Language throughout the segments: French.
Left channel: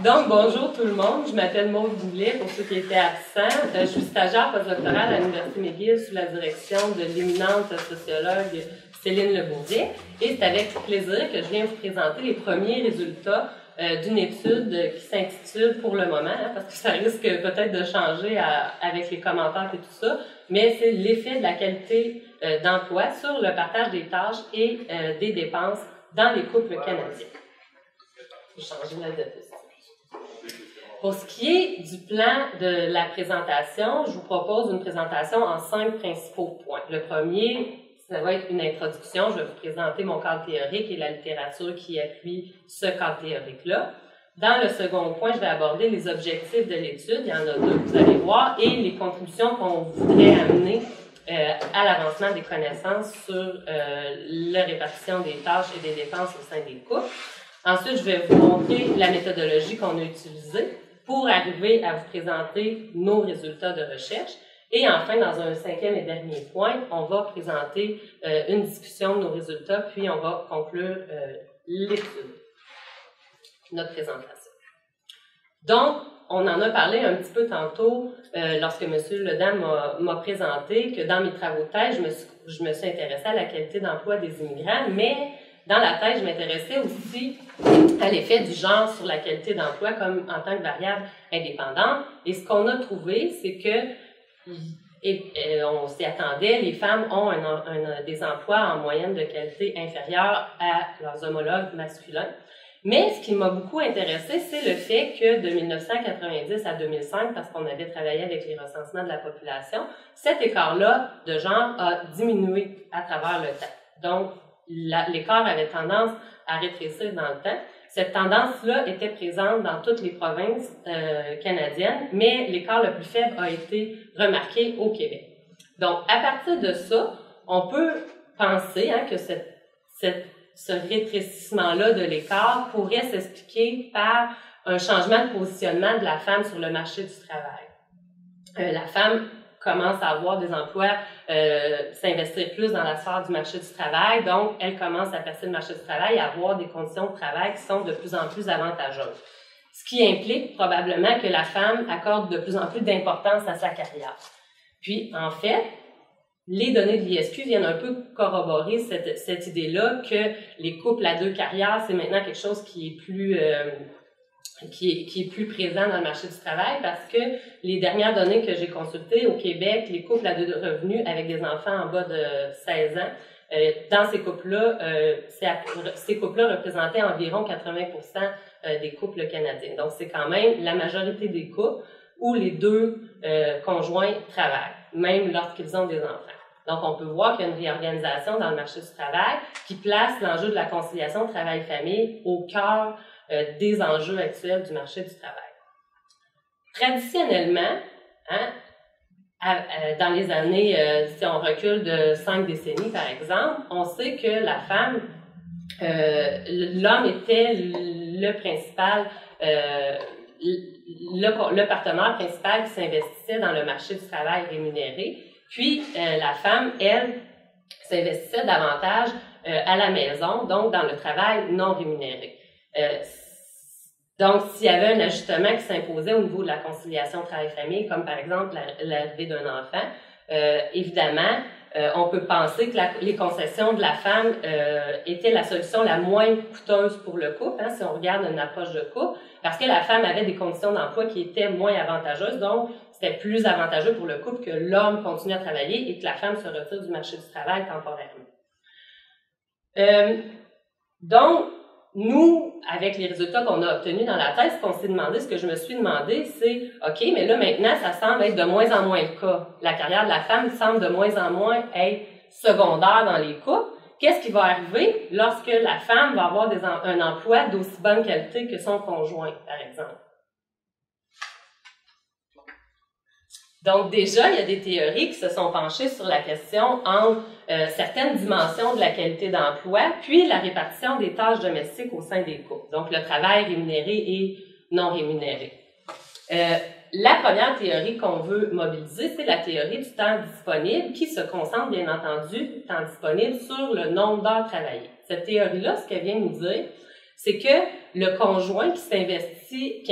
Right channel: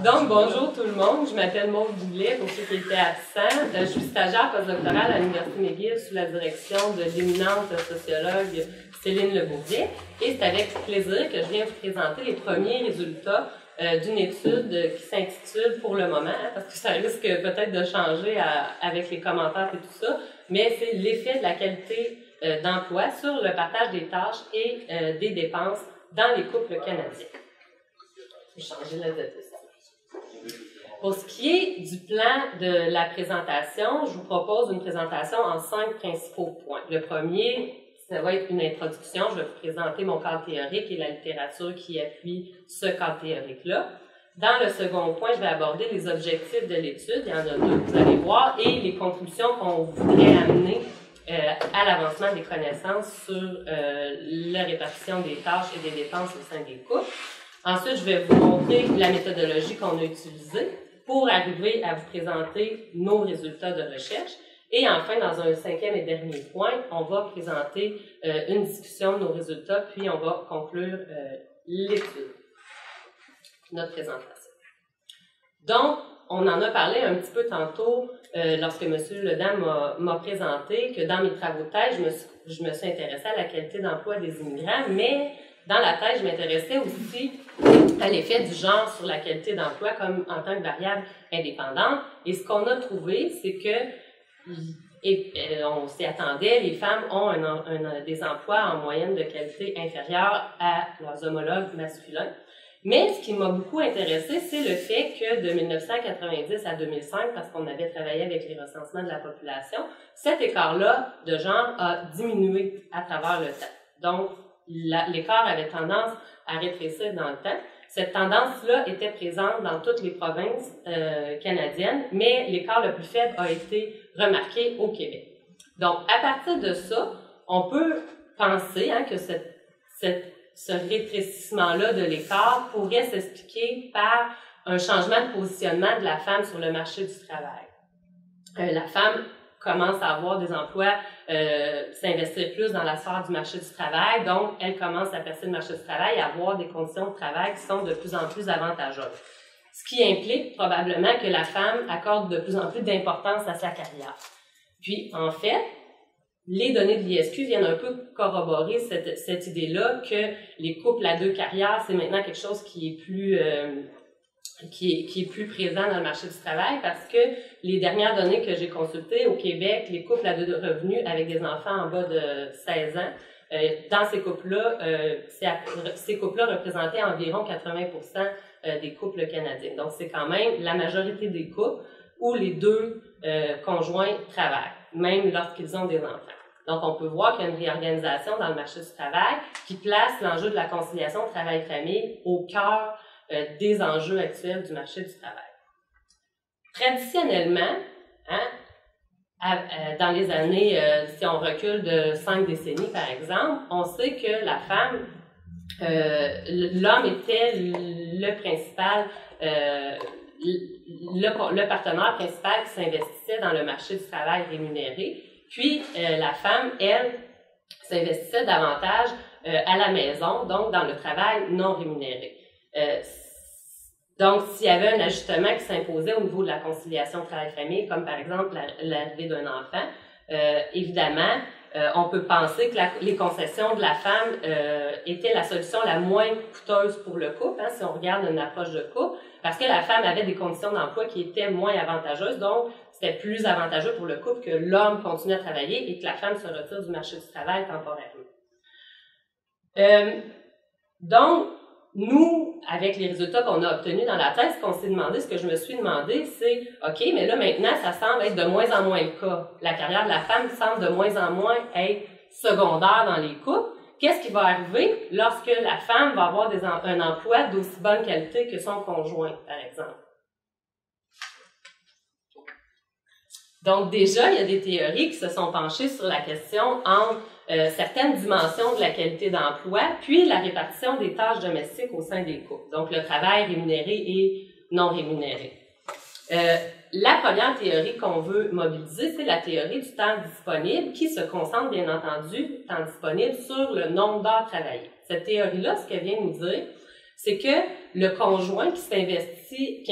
Donc, bonjour tout le monde. Je m'appelle Maude Boulet, pour ceux qui étaient absents. Je suis stagiaire postdoctorale à l'Université McGill sous la direction de l'éminente sociologue Céline Lebourdier. Et c'est avec plaisir que je viens vous présenter les premiers résultats d'une étude qui s'intitule « Pour le moment », parce que ça risque peut-être de changer avec les commentaires et tout ça, mais c'est l'effet de la qualité d'emploi sur le partage des tâches et des dépenses dans les couples canadiens. Je vais changer la diapositive. Pour ce qui est du plan de la présentation, je vous propose une présentation en 5 principaux points. Le premier, ça va être une introduction. Je vais vous présenter mon cadre théorique et la littérature qui appuie ce cadre théorique-là. Dans le second point, je vais aborder les objectifs de l'étude. Il y en a 2, vous allez voir, et les contributions qu'on voudrait amener à l'avancement des connaissances sur la répartition des tâches et des dépenses au sein des couples. Ensuite, je vais vous montrer la méthodologie qu'on a utilisée pour arriver à vous présenter nos résultats de recherche. Et enfin, dans un 5e et dernier point, on va présenter une discussion de nos résultats, puis on va conclure l'étude, notre présentation. Donc, on en a parlé un petit peu tantôt lorsque M. Ledam m'a présenté que dans mes travaux de thèse, je me suis intéressée à la qualité d'emploi des immigrants, mais dans la thèse, je m'intéressais aussi à l'effet du genre sur la qualité d'emploi comme en tant que variable indépendante. Et ce qu'on a trouvé, c'est que, on s'y attendait, les femmes ont des emplois en moyenne de qualité inférieure à leurs homologues masculins. Mais ce qui m'a beaucoup intéressé, c'est le fait que de 1990 à 2005, parce qu'on avait travaillé avec les recensements de la population, cet écart-là de genre a diminué à travers le temps. Donc, l'écart avait tendance à rétrécir dans le temps. Cette tendance-là était présente dans toutes les provinces canadiennes, mais l'écart le plus faible a été remarqué au Québec. Donc, à partir de ça, on peut penser que ce rétrécissement-là de l'écart pourrait s'expliquer par un changement de positionnement de la femme sur le marché du travail. La femme commence à avoir des emplois, s'investir plus dans la sphère du marché du travail, donc elle commence à percer le marché du travail et à avoir des conditions de travail qui sont de plus en plus avantageuses. Ce qui implique probablement que la femme accorde de plus en plus d'importance à sa carrière. Puis, en fait, les données de l'ISQ viennent un peu corroborer cette idée-là que les couples à 2 carrières, c'est maintenant quelque chose qui est plus présent dans le marché du travail parce que les dernières données que j'ai consultées au Québec, les couples à 2 revenus avec des enfants en bas de 16 ans, dans ces couples-là, ces couples-là représentaient environ 80% des couples canadiens. Donc, c'est quand même la majorité des couples où les 2 conjoints travaillent, même lorsqu'ils ont des enfants. Donc, on peut voir qu'il y a une réorganisation dans le marché du travail qui place l'enjeu de la conciliation travail-famille au cœur des enjeux actuels du marché du travail. Traditionnellement, dans les années, si on recule de 5 décennies par exemple, on sait que la femme, l'homme était le principal, le partenaire principal qui s'investissait dans le marché du travail rémunéré, puis la femme, elle, s'investissait davantage à la maison, donc dans le travail non rémunéré. Donc, s'il y avait un ajustement qui s'imposait au niveau de la conciliation travail-famille, comme par exemple l'arrivée d'un enfant, évidemment, on peut penser que les concessions de la femme étaient la solution la moins coûteuse pour le couple, si on regarde une approche de couple, parce que la femme avait des conditions d'emploi qui étaient moins avantageuses, donc c'était plus avantageux pour le couple que l'homme continue à travailler et que la femme se retire du marché du travail temporairement. Donc, nous, avec les résultats qu'on a obtenus dans la thèse, ce que je me suis demandé, c'est, OK, mais là, maintenant, ça semble être de moins en moins le cas. La carrière de la femme semble de moins en moins être secondaire dans les couples. Qu'est-ce qui va arriver lorsque la femme va avoir un emploi d'aussi bonne qualité que son conjoint, par exemple? Donc, déjà, il y a des théories qui se sont penchées sur la question entre certaines dimensions de la qualité d'emploi, puis la répartition des tâches domestiques au sein des couples, donc le travail rémunéré et non rémunéré. La première théorie qu'on veut mobiliser, c'est la théorie du temps disponible qui se concentre, bien entendu, temps disponible sur le nombre d'heures travaillées. Cette théorie-là, ce qu'elle vient nous dire, c'est que le conjoint qui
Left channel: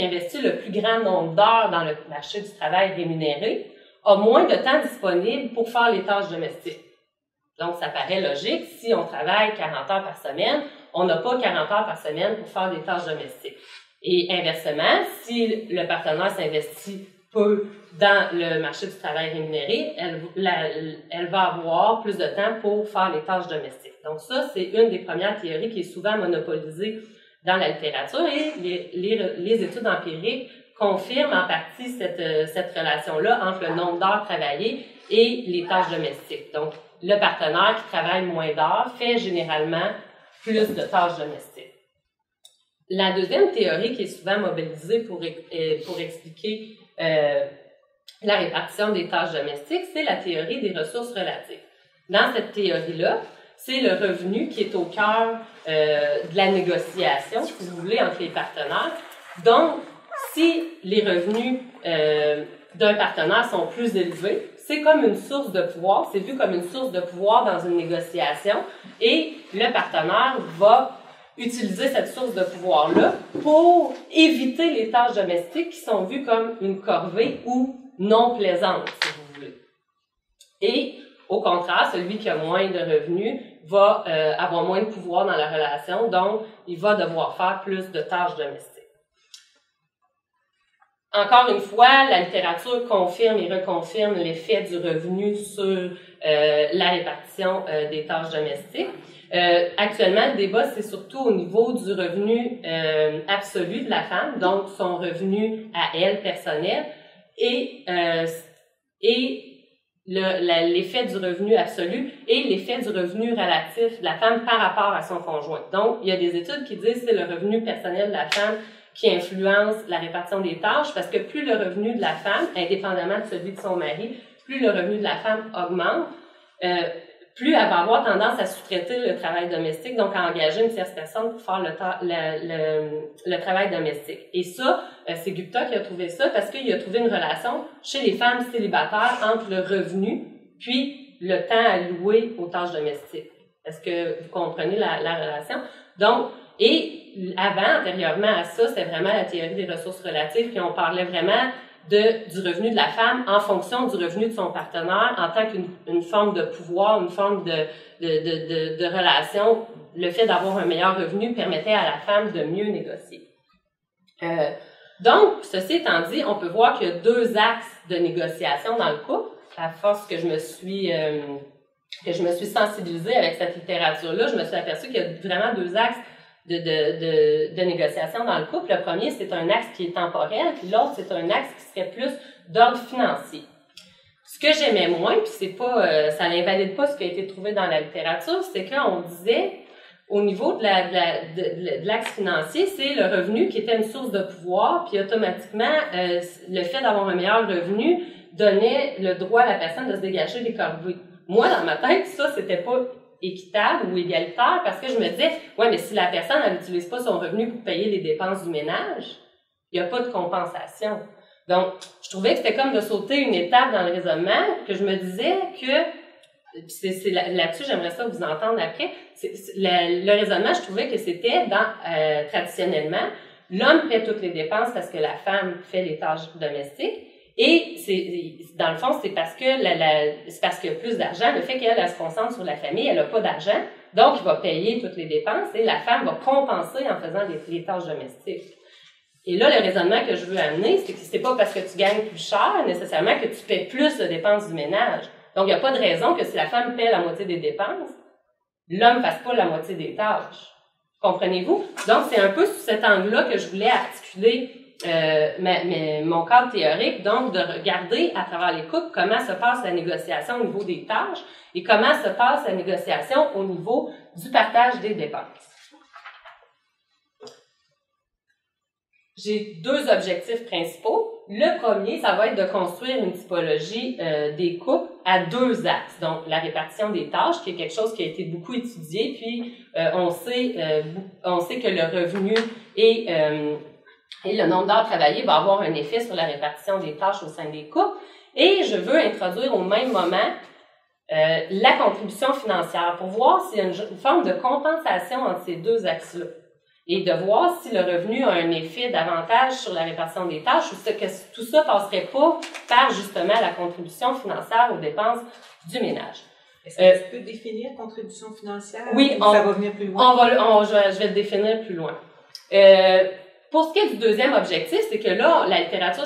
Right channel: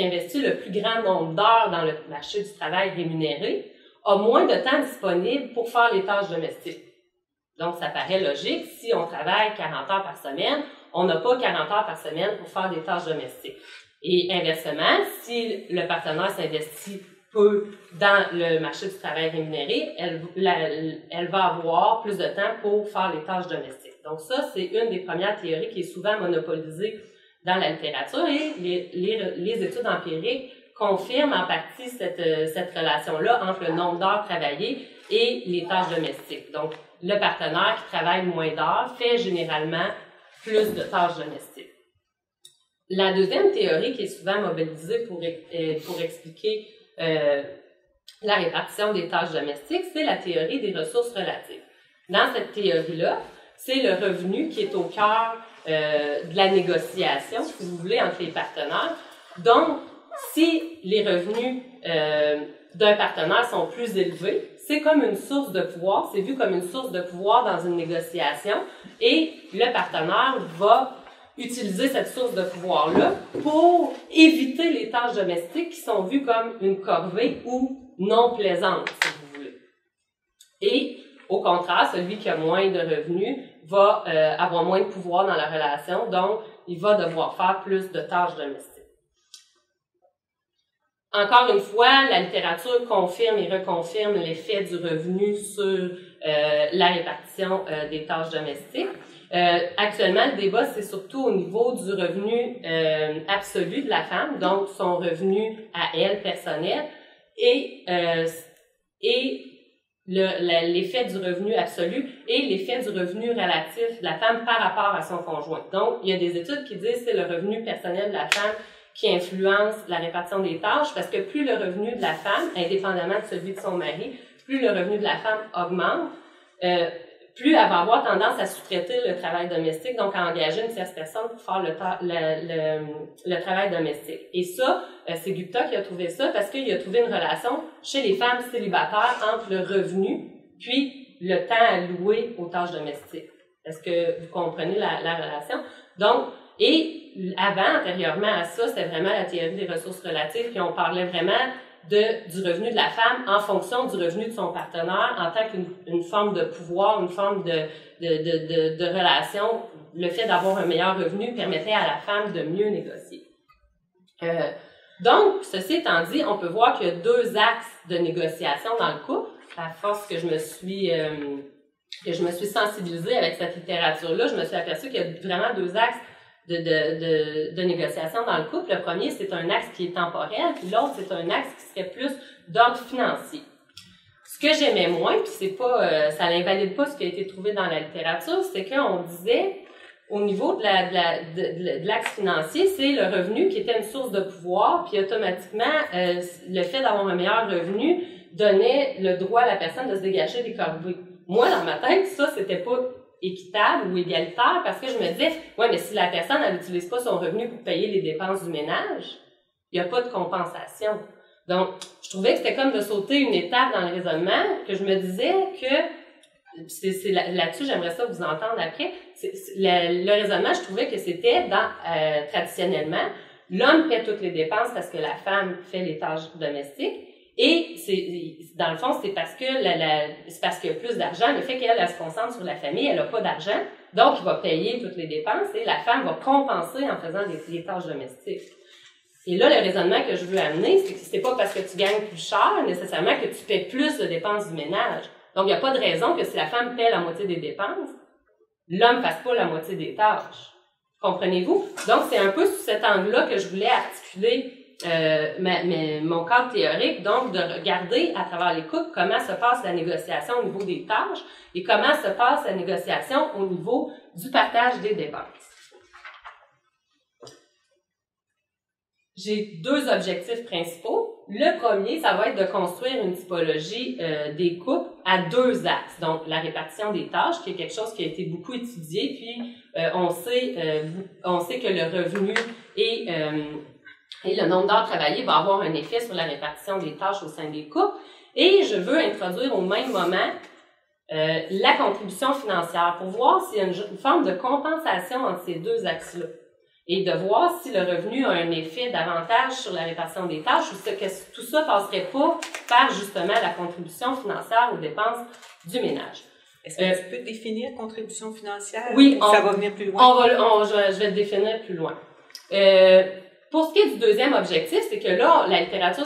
investit le plus grand nombre d'heures dans le marché du travail rémunéré a moins de temps disponible pour faire les tâches domestiques. Donc, ça paraît logique. Si on travaille 40 heures par semaine, on n'a pas 40 heures par semaine pour faire des tâches domestiques. Et inversement, si le partenaire s'investit peu dans le marché du travail rémunéré, elle va avoir plus de temps pour faire les tâches domestiques. Donc ça, c'est une des premières théories qui est souvent monopolisée dans la littérature et les études empiriques confirment en partie cette relation-là entre le nombre d'heures travaillées et les tâches domestiques. Donc, le partenaire qui travaille moins d'heures fait généralement plus de tâches domestiques. La deuxième théorie qui est souvent mobilisée pour expliquer la répartition des tâches domestiques, c'est la théorie des ressources relatives. Dans cette théorie-là, c'est le revenu qui est au cœur de la négociation, si vous voulez, entre les partenaires. Donc, si les revenus d'un partenaire sont plus élevés, c'est comme une source de pouvoir, c'est vu comme une source de pouvoir dans une négociation, et le partenaire va utiliser cette source de pouvoir-là pour éviter les tâches domestiques qui sont vues comme une corvée ou non plaisantes, si vous voulez. Et au contraire, celui qui a moins de revenus va avoir moins de pouvoir dans la relation, donc il va devoir faire plus de tâches domestiques. Encore une fois, la littérature confirme et reconfirme l'effet du revenu sur la répartition des tâches domestiques. Actuellement, le débat, c'est surtout au niveau du revenu absolu de la femme, donc son revenu à elle personnel, et l'effet du revenu absolu et l'effet du revenu relatif de la femme par rapport à son conjoint. Donc, il y a des études qui disent que c'est le revenu personnel de la femme qui influence la répartition des tâches, parce que plus le revenu de la femme, indépendamment de celui de son mari, plus le revenu de la femme augmente, plus elle va avoir tendance à sous-traiter le travail domestique, donc à engager une tierce personne pour faire le travail domestique. Et ça, c'est Gupta qui a trouvé ça, parce qu'il a trouvé une relation chez les femmes célibataires entre le revenu puis le temps alloué aux tâches domestiques. Est-ce que vous comprenez la relation? Donc, et antérieurement à ça, c'était vraiment la théorie des ressources relatives, puis on parlait vraiment du revenu de la femme en fonction du revenu de son partenaire en tant qu'une forme de pouvoir, une forme de relation. Le fait d'avoir un meilleur revenu permettait à la femme de mieux négocier. Donc, ceci étant dit, on peut voir qu'il y a deux axes de négociation dans le couple. À force que je me suis sensibilisée avec cette littérature-là, je me suis aperçue qu'il y a vraiment deux axes de négociation dans le couple. Le premier, c'est un axe qui est temporel, puis l'autre, c'est un axe qui serait plus d'ordre financier. Ce que j'aimais moins, puis c'est pas, ça n'invalide pas ce qui a été trouvé dans la littérature, c'est qu'on disait, au niveau de l'axe financier, c'est le revenu qui était une source de pouvoir, puis automatiquement, le fait d'avoir un meilleur revenu donnait le droit à la personne de se dégager des corvées. Moi, dans ma tête, ça, c'était pas équitable ou égalitaire, parce que je me disais, ouais, mais si la personne, elle n'utilise pas son revenu pour payer les dépenses du ménage, il n'y a pas de compensation. Donc, je trouvais que c'était comme de sauter une étape dans le raisonnement, que je me disais que, là-dessus, j'aimerais ça vous entendre après, le raisonnement, je trouvais que c'était traditionnellement, l'homme paie toutes les dépenses parce que la femme fait les tâches domestiques. Et dans le fond, c'est parce que c'est parce qu'il y a plus d'argent. Le fait qu'elle se concentre sur la famille, elle n'a pas d'argent, donc il va payer toutes les dépenses et la femme va compenser en faisant les tâches domestiques. Et là, le raisonnement que je veux amener, c'est que c'est pas parce que tu gagnes plus cher nécessairement que tu paies plus de dépenses du ménage. Donc, il n'y a pas de raison que si la femme paie la moitié des dépenses, l'homme ne fasse pas la moitié des tâches. Comprenez-vous? Donc, c'est un peu sous cet angle-là que je voulais articuler mon cadre théorique, donc de regarder à travers les couples comment se passe la négociation au niveau des tâches et comment se passe la négociation au niveau du partage des dépenses. J'ai deux objectifs principaux. Le premier, ça va être de construire une typologie des couples à deux axes. Donc, la répartition des tâches, qui est quelque chose qui a été beaucoup étudié, puis on sait que le revenu et le nombre d'heures travaillées va avoir un effet sur la répartition des tâches au sein des couples. Et je veux introduire au même moment la contribution financière pour voir s'il y a une forme de compensation entre ces deux axes-là. et de voir si le revenu a un effet davantage sur la répartition des tâches ou que tout ça passerait pas par justement la contribution financière aux dépenses du ménage. Est-ce que tu peux définir contribution financière? Oui, ça va venir plus loin. Je vais le définir plus loin. Pour ce qui est du deuxième objectif, c'est que là, la littérature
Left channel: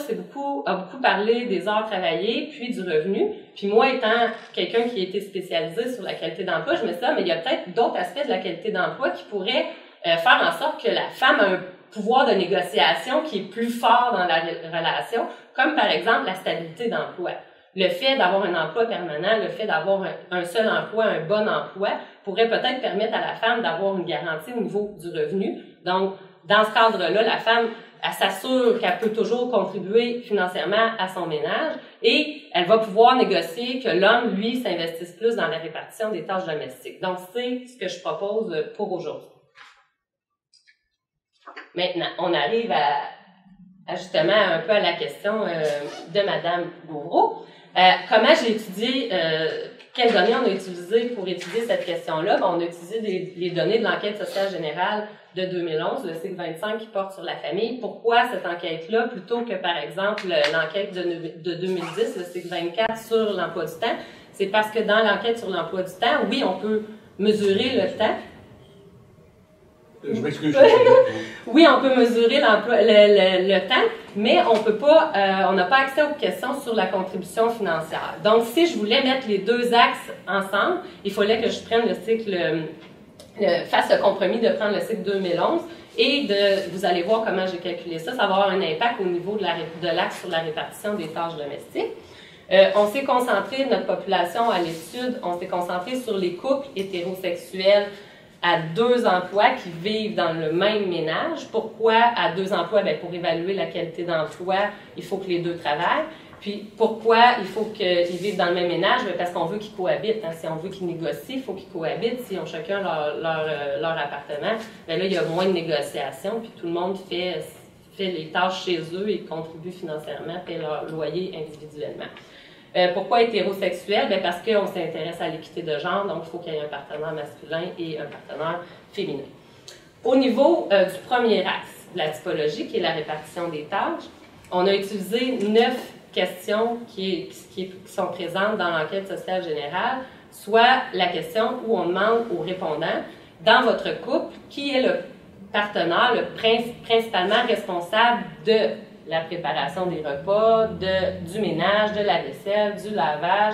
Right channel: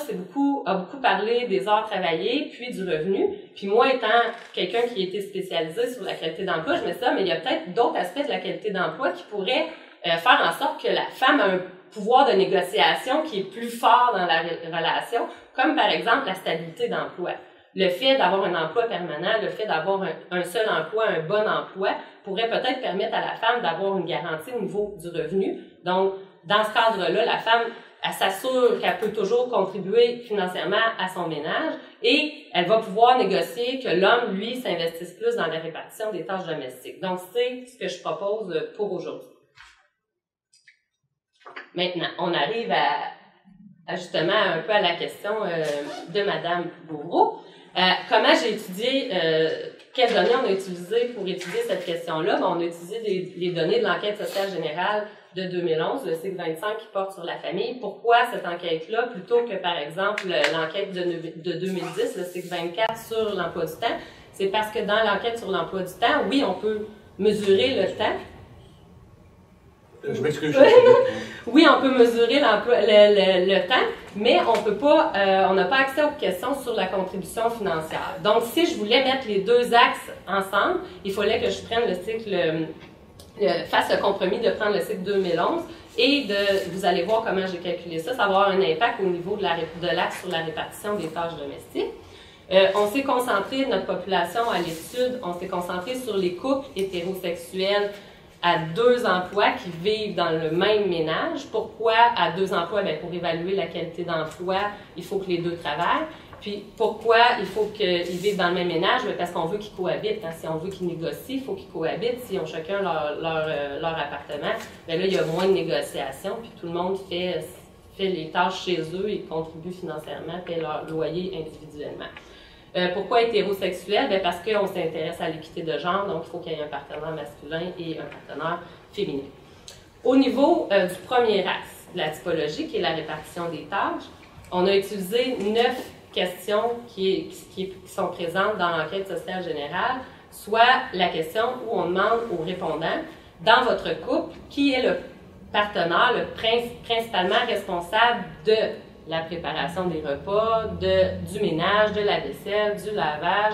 a beaucoup parlé des heures travaillées, puis du revenu. Puis moi, étant quelqu'un qui a été spécialisé sur la qualité d'emploi, je mets ça, mais il y a peut-être d'autres aspects de la qualité d'emploi qui pourraient faire en sorte que la femme a un pouvoir de négociation qui est plus fort dans la relation, comme par exemple la stabilité d'emploi. Le fait d'avoir un emploi permanent, le fait d'avoir un seul emploi, un bon emploi, pourrait peut-être permettre à la femme d'avoir une garantie au niveau du revenu. Donc, dans ce cadre-là, la femme, elle s'assure qu'elle peut toujours contribuer financièrement à son ménage et elle va pouvoir négocier que l'homme, lui, s'investisse plus dans la répartition des tâches domestiques. Donc, c'est ce que je propose pour aujourd'hui. Maintenant, on arrive à justement un peu à la question de Madame Gauvreau. Comment j'ai étudié, quelles données on a utilisées pour étudier cette question-là? On a utilisé les données de l'enquête sociale générale de 2011, le cycle 25 qui porte sur la famille. Pourquoi cette enquête-là plutôt que, par exemple, l'enquête de 2010, le cycle 24 sur l'emploi du temps? C'est parce que dans l'enquête sur l'emploi du temps, oui, on peut mesurer le temps. Je m'excuse. Oui, on peut mesurer le temps, mais on peut pas, on n'a pas accès aux questions sur la contribution financière. Donc, si je voulais mettre les deux axes ensemble, il fallait que je prenne le cycle, fasse le compromis de prendre le cycle 2011 et vous allez voir comment j'ai calculé ça. Ça va avoir un impact au niveau de l'axe sur la répartition des tâches domestiques. On s'est concentré, notre population à l'étude, on s'est concentré sur les couples hétérosexuels à 2 emplois qui vivent dans le même ménage. Pourquoi à 2 emplois? Bien, pour évaluer la qualité d'emploi, il faut que les 2 travaillent. Puis, pourquoi il faut qu'ils vivent dans le même ménage? Bien, parce qu'on veut qu'ils cohabitent. Hein. Si on veut qu'ils négocient, il faut qu'ils cohabitent. S'ils ont chacun leur appartement, bien là, il y a moins de négociations, puis tout le monde fait les tâches chez eux et contribue financièrement, paie leur loyer individuellement. Pourquoi hétérosexuel? Bien, parce qu'on s'intéresse à l'équité de genre, donc il faut qu'il y ait un partenaire masculin et un partenaire féminin. Au niveau du premier axe de la typologie, qui est la répartition des tâches, on a utilisé 9 questions qui sont présentes dans l'enquête sociale générale, soit la question où on demande aux répondants, dans votre couple, qui est le partenaire principalement responsable de la préparation des repas, du ménage, de la vaisselle, du lavage,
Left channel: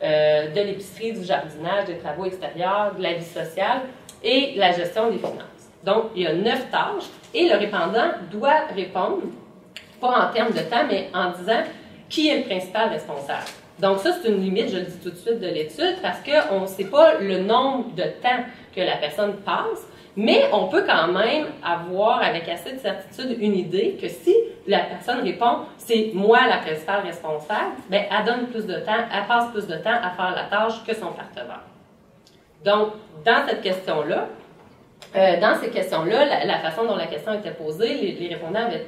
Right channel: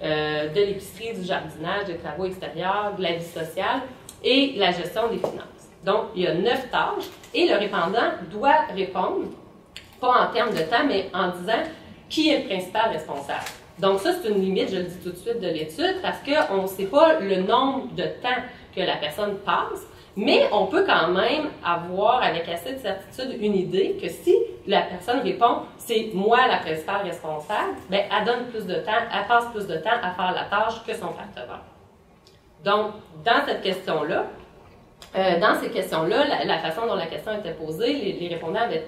de l'épicerie, du jardinage, des travaux extérieurs, de la vie sociale et la gestion des finances. Donc, il y a 9 tâches et le répondant doit répondre, pas en termes de temps, mais en disant qui est le principal responsable. Donc ça, c'est une limite, je le dis tout de suite, de l'étude parce qu'on ne sait pas le nombre de temps que la personne passe, mais on peut quand même avoir, avec assez de certitude, une idée que si la personne répond « c'est moi la principale responsable », bien, elle donne plus de temps, elle passe plus de temps à faire la tâche que son partenaire. Donc, dans cette question-là, dans ces questions-là, la façon dont la question était posée, les répondants avaient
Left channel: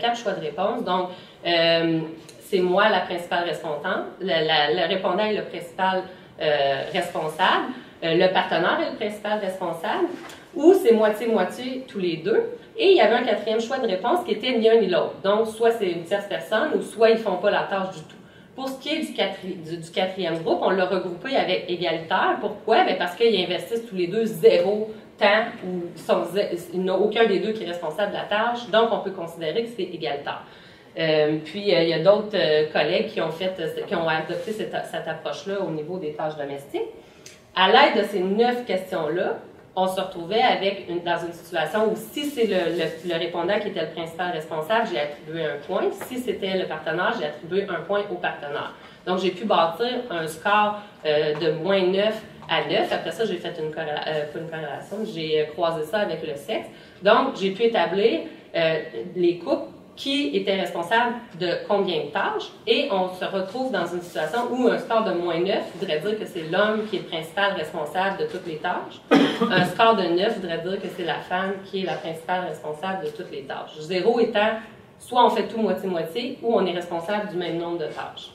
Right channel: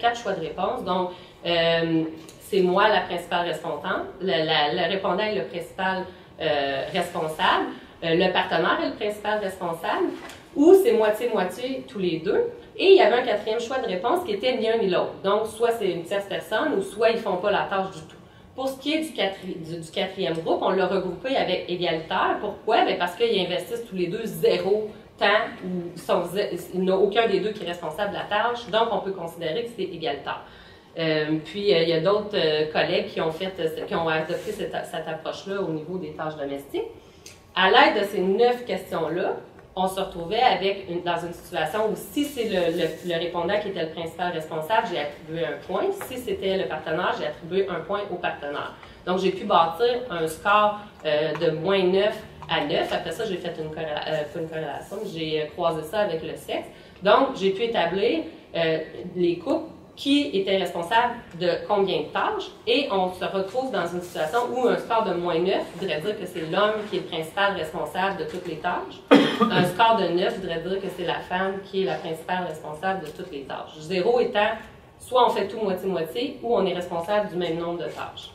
4 choix de réponse. Donc, c'est moi la principale respondante, le répondant est le principal responsable, le partenaire est le principal responsable, ou c'est moitié-moitié tous les deux. Et il y avait un 4e choix de réponse qui était ni un ni l'autre. Donc, soit c'est une tierce personne, ou soit ils ne font pas la tâche du tout. Pour ce qui est du 4e groupe, on l'a regroupé avec égalitaire. Pourquoi? Bien parce qu'ils investissent tous les deux 0 temps, ou il n'y a aucun des deux qui est responsable de la tâche, donc on peut considérer que c'est égalitaire. Puis, il y a d'autres collègues qui ont adopté cette approche-là au niveau des tâches domestiques. À l'aide de ces 9 questions-là, on se retrouvait dans une situation où si c'est le répondant qui était le principal responsable, j'ai attribué un point. Si c'était le partenaire, j'ai attribué un point au partenaire. Donc, j'ai pu bâtir un score de moins 9 à 9. Après ça, j'ai fait pas une corrélation, j'ai croisé ça avec le sexe. Donc, j'ai pu établir les couples qui était responsable de combien de tâches, et on se retrouve dans une situation où un score de moins 9 voudrait dire que c'est l'homme qui est le principal responsable de toutes les tâches. Un score de 9 voudrait dire que c'est la femme qui est la principale responsable de toutes les tâches. 0 étant, soit on fait tout moitié-moitié, ou on est responsable du même nombre de tâches.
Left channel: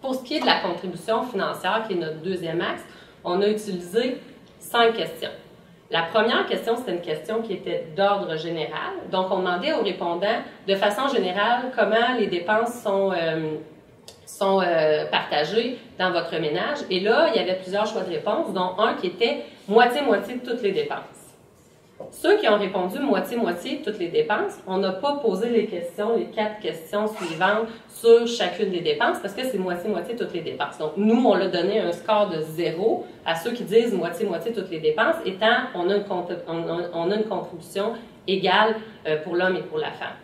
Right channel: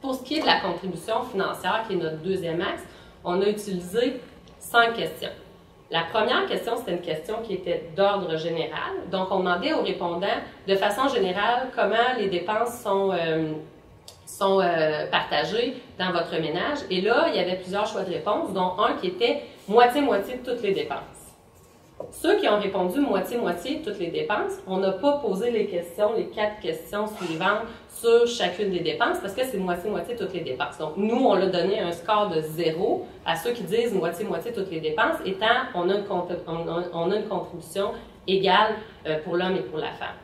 Pour ce qui est de la contribution financière, qui est notre 2e axe, on a utilisé 5 questions. La première question, c'était une question qui était d'ordre général. Donc, on demandait aux répondants, de façon générale, comment les dépenses sont partagées dans votre ménage. Et là, il y avait plusieurs choix de réponse, dont un qui était moitié-moitié de toutes les dépenses. Ceux qui ont répondu moitié-moitié toutes les dépenses, on n'a pas posé les 4 questions suivantes sur chacune des dépenses parce que c'est moitié-moitié toutes les dépenses. Donc, nous, on l'a donné un score de 0 à ceux qui disent moitié-moitié toutes les dépenses, étant on a une contribution égale pour l'homme et pour la femme.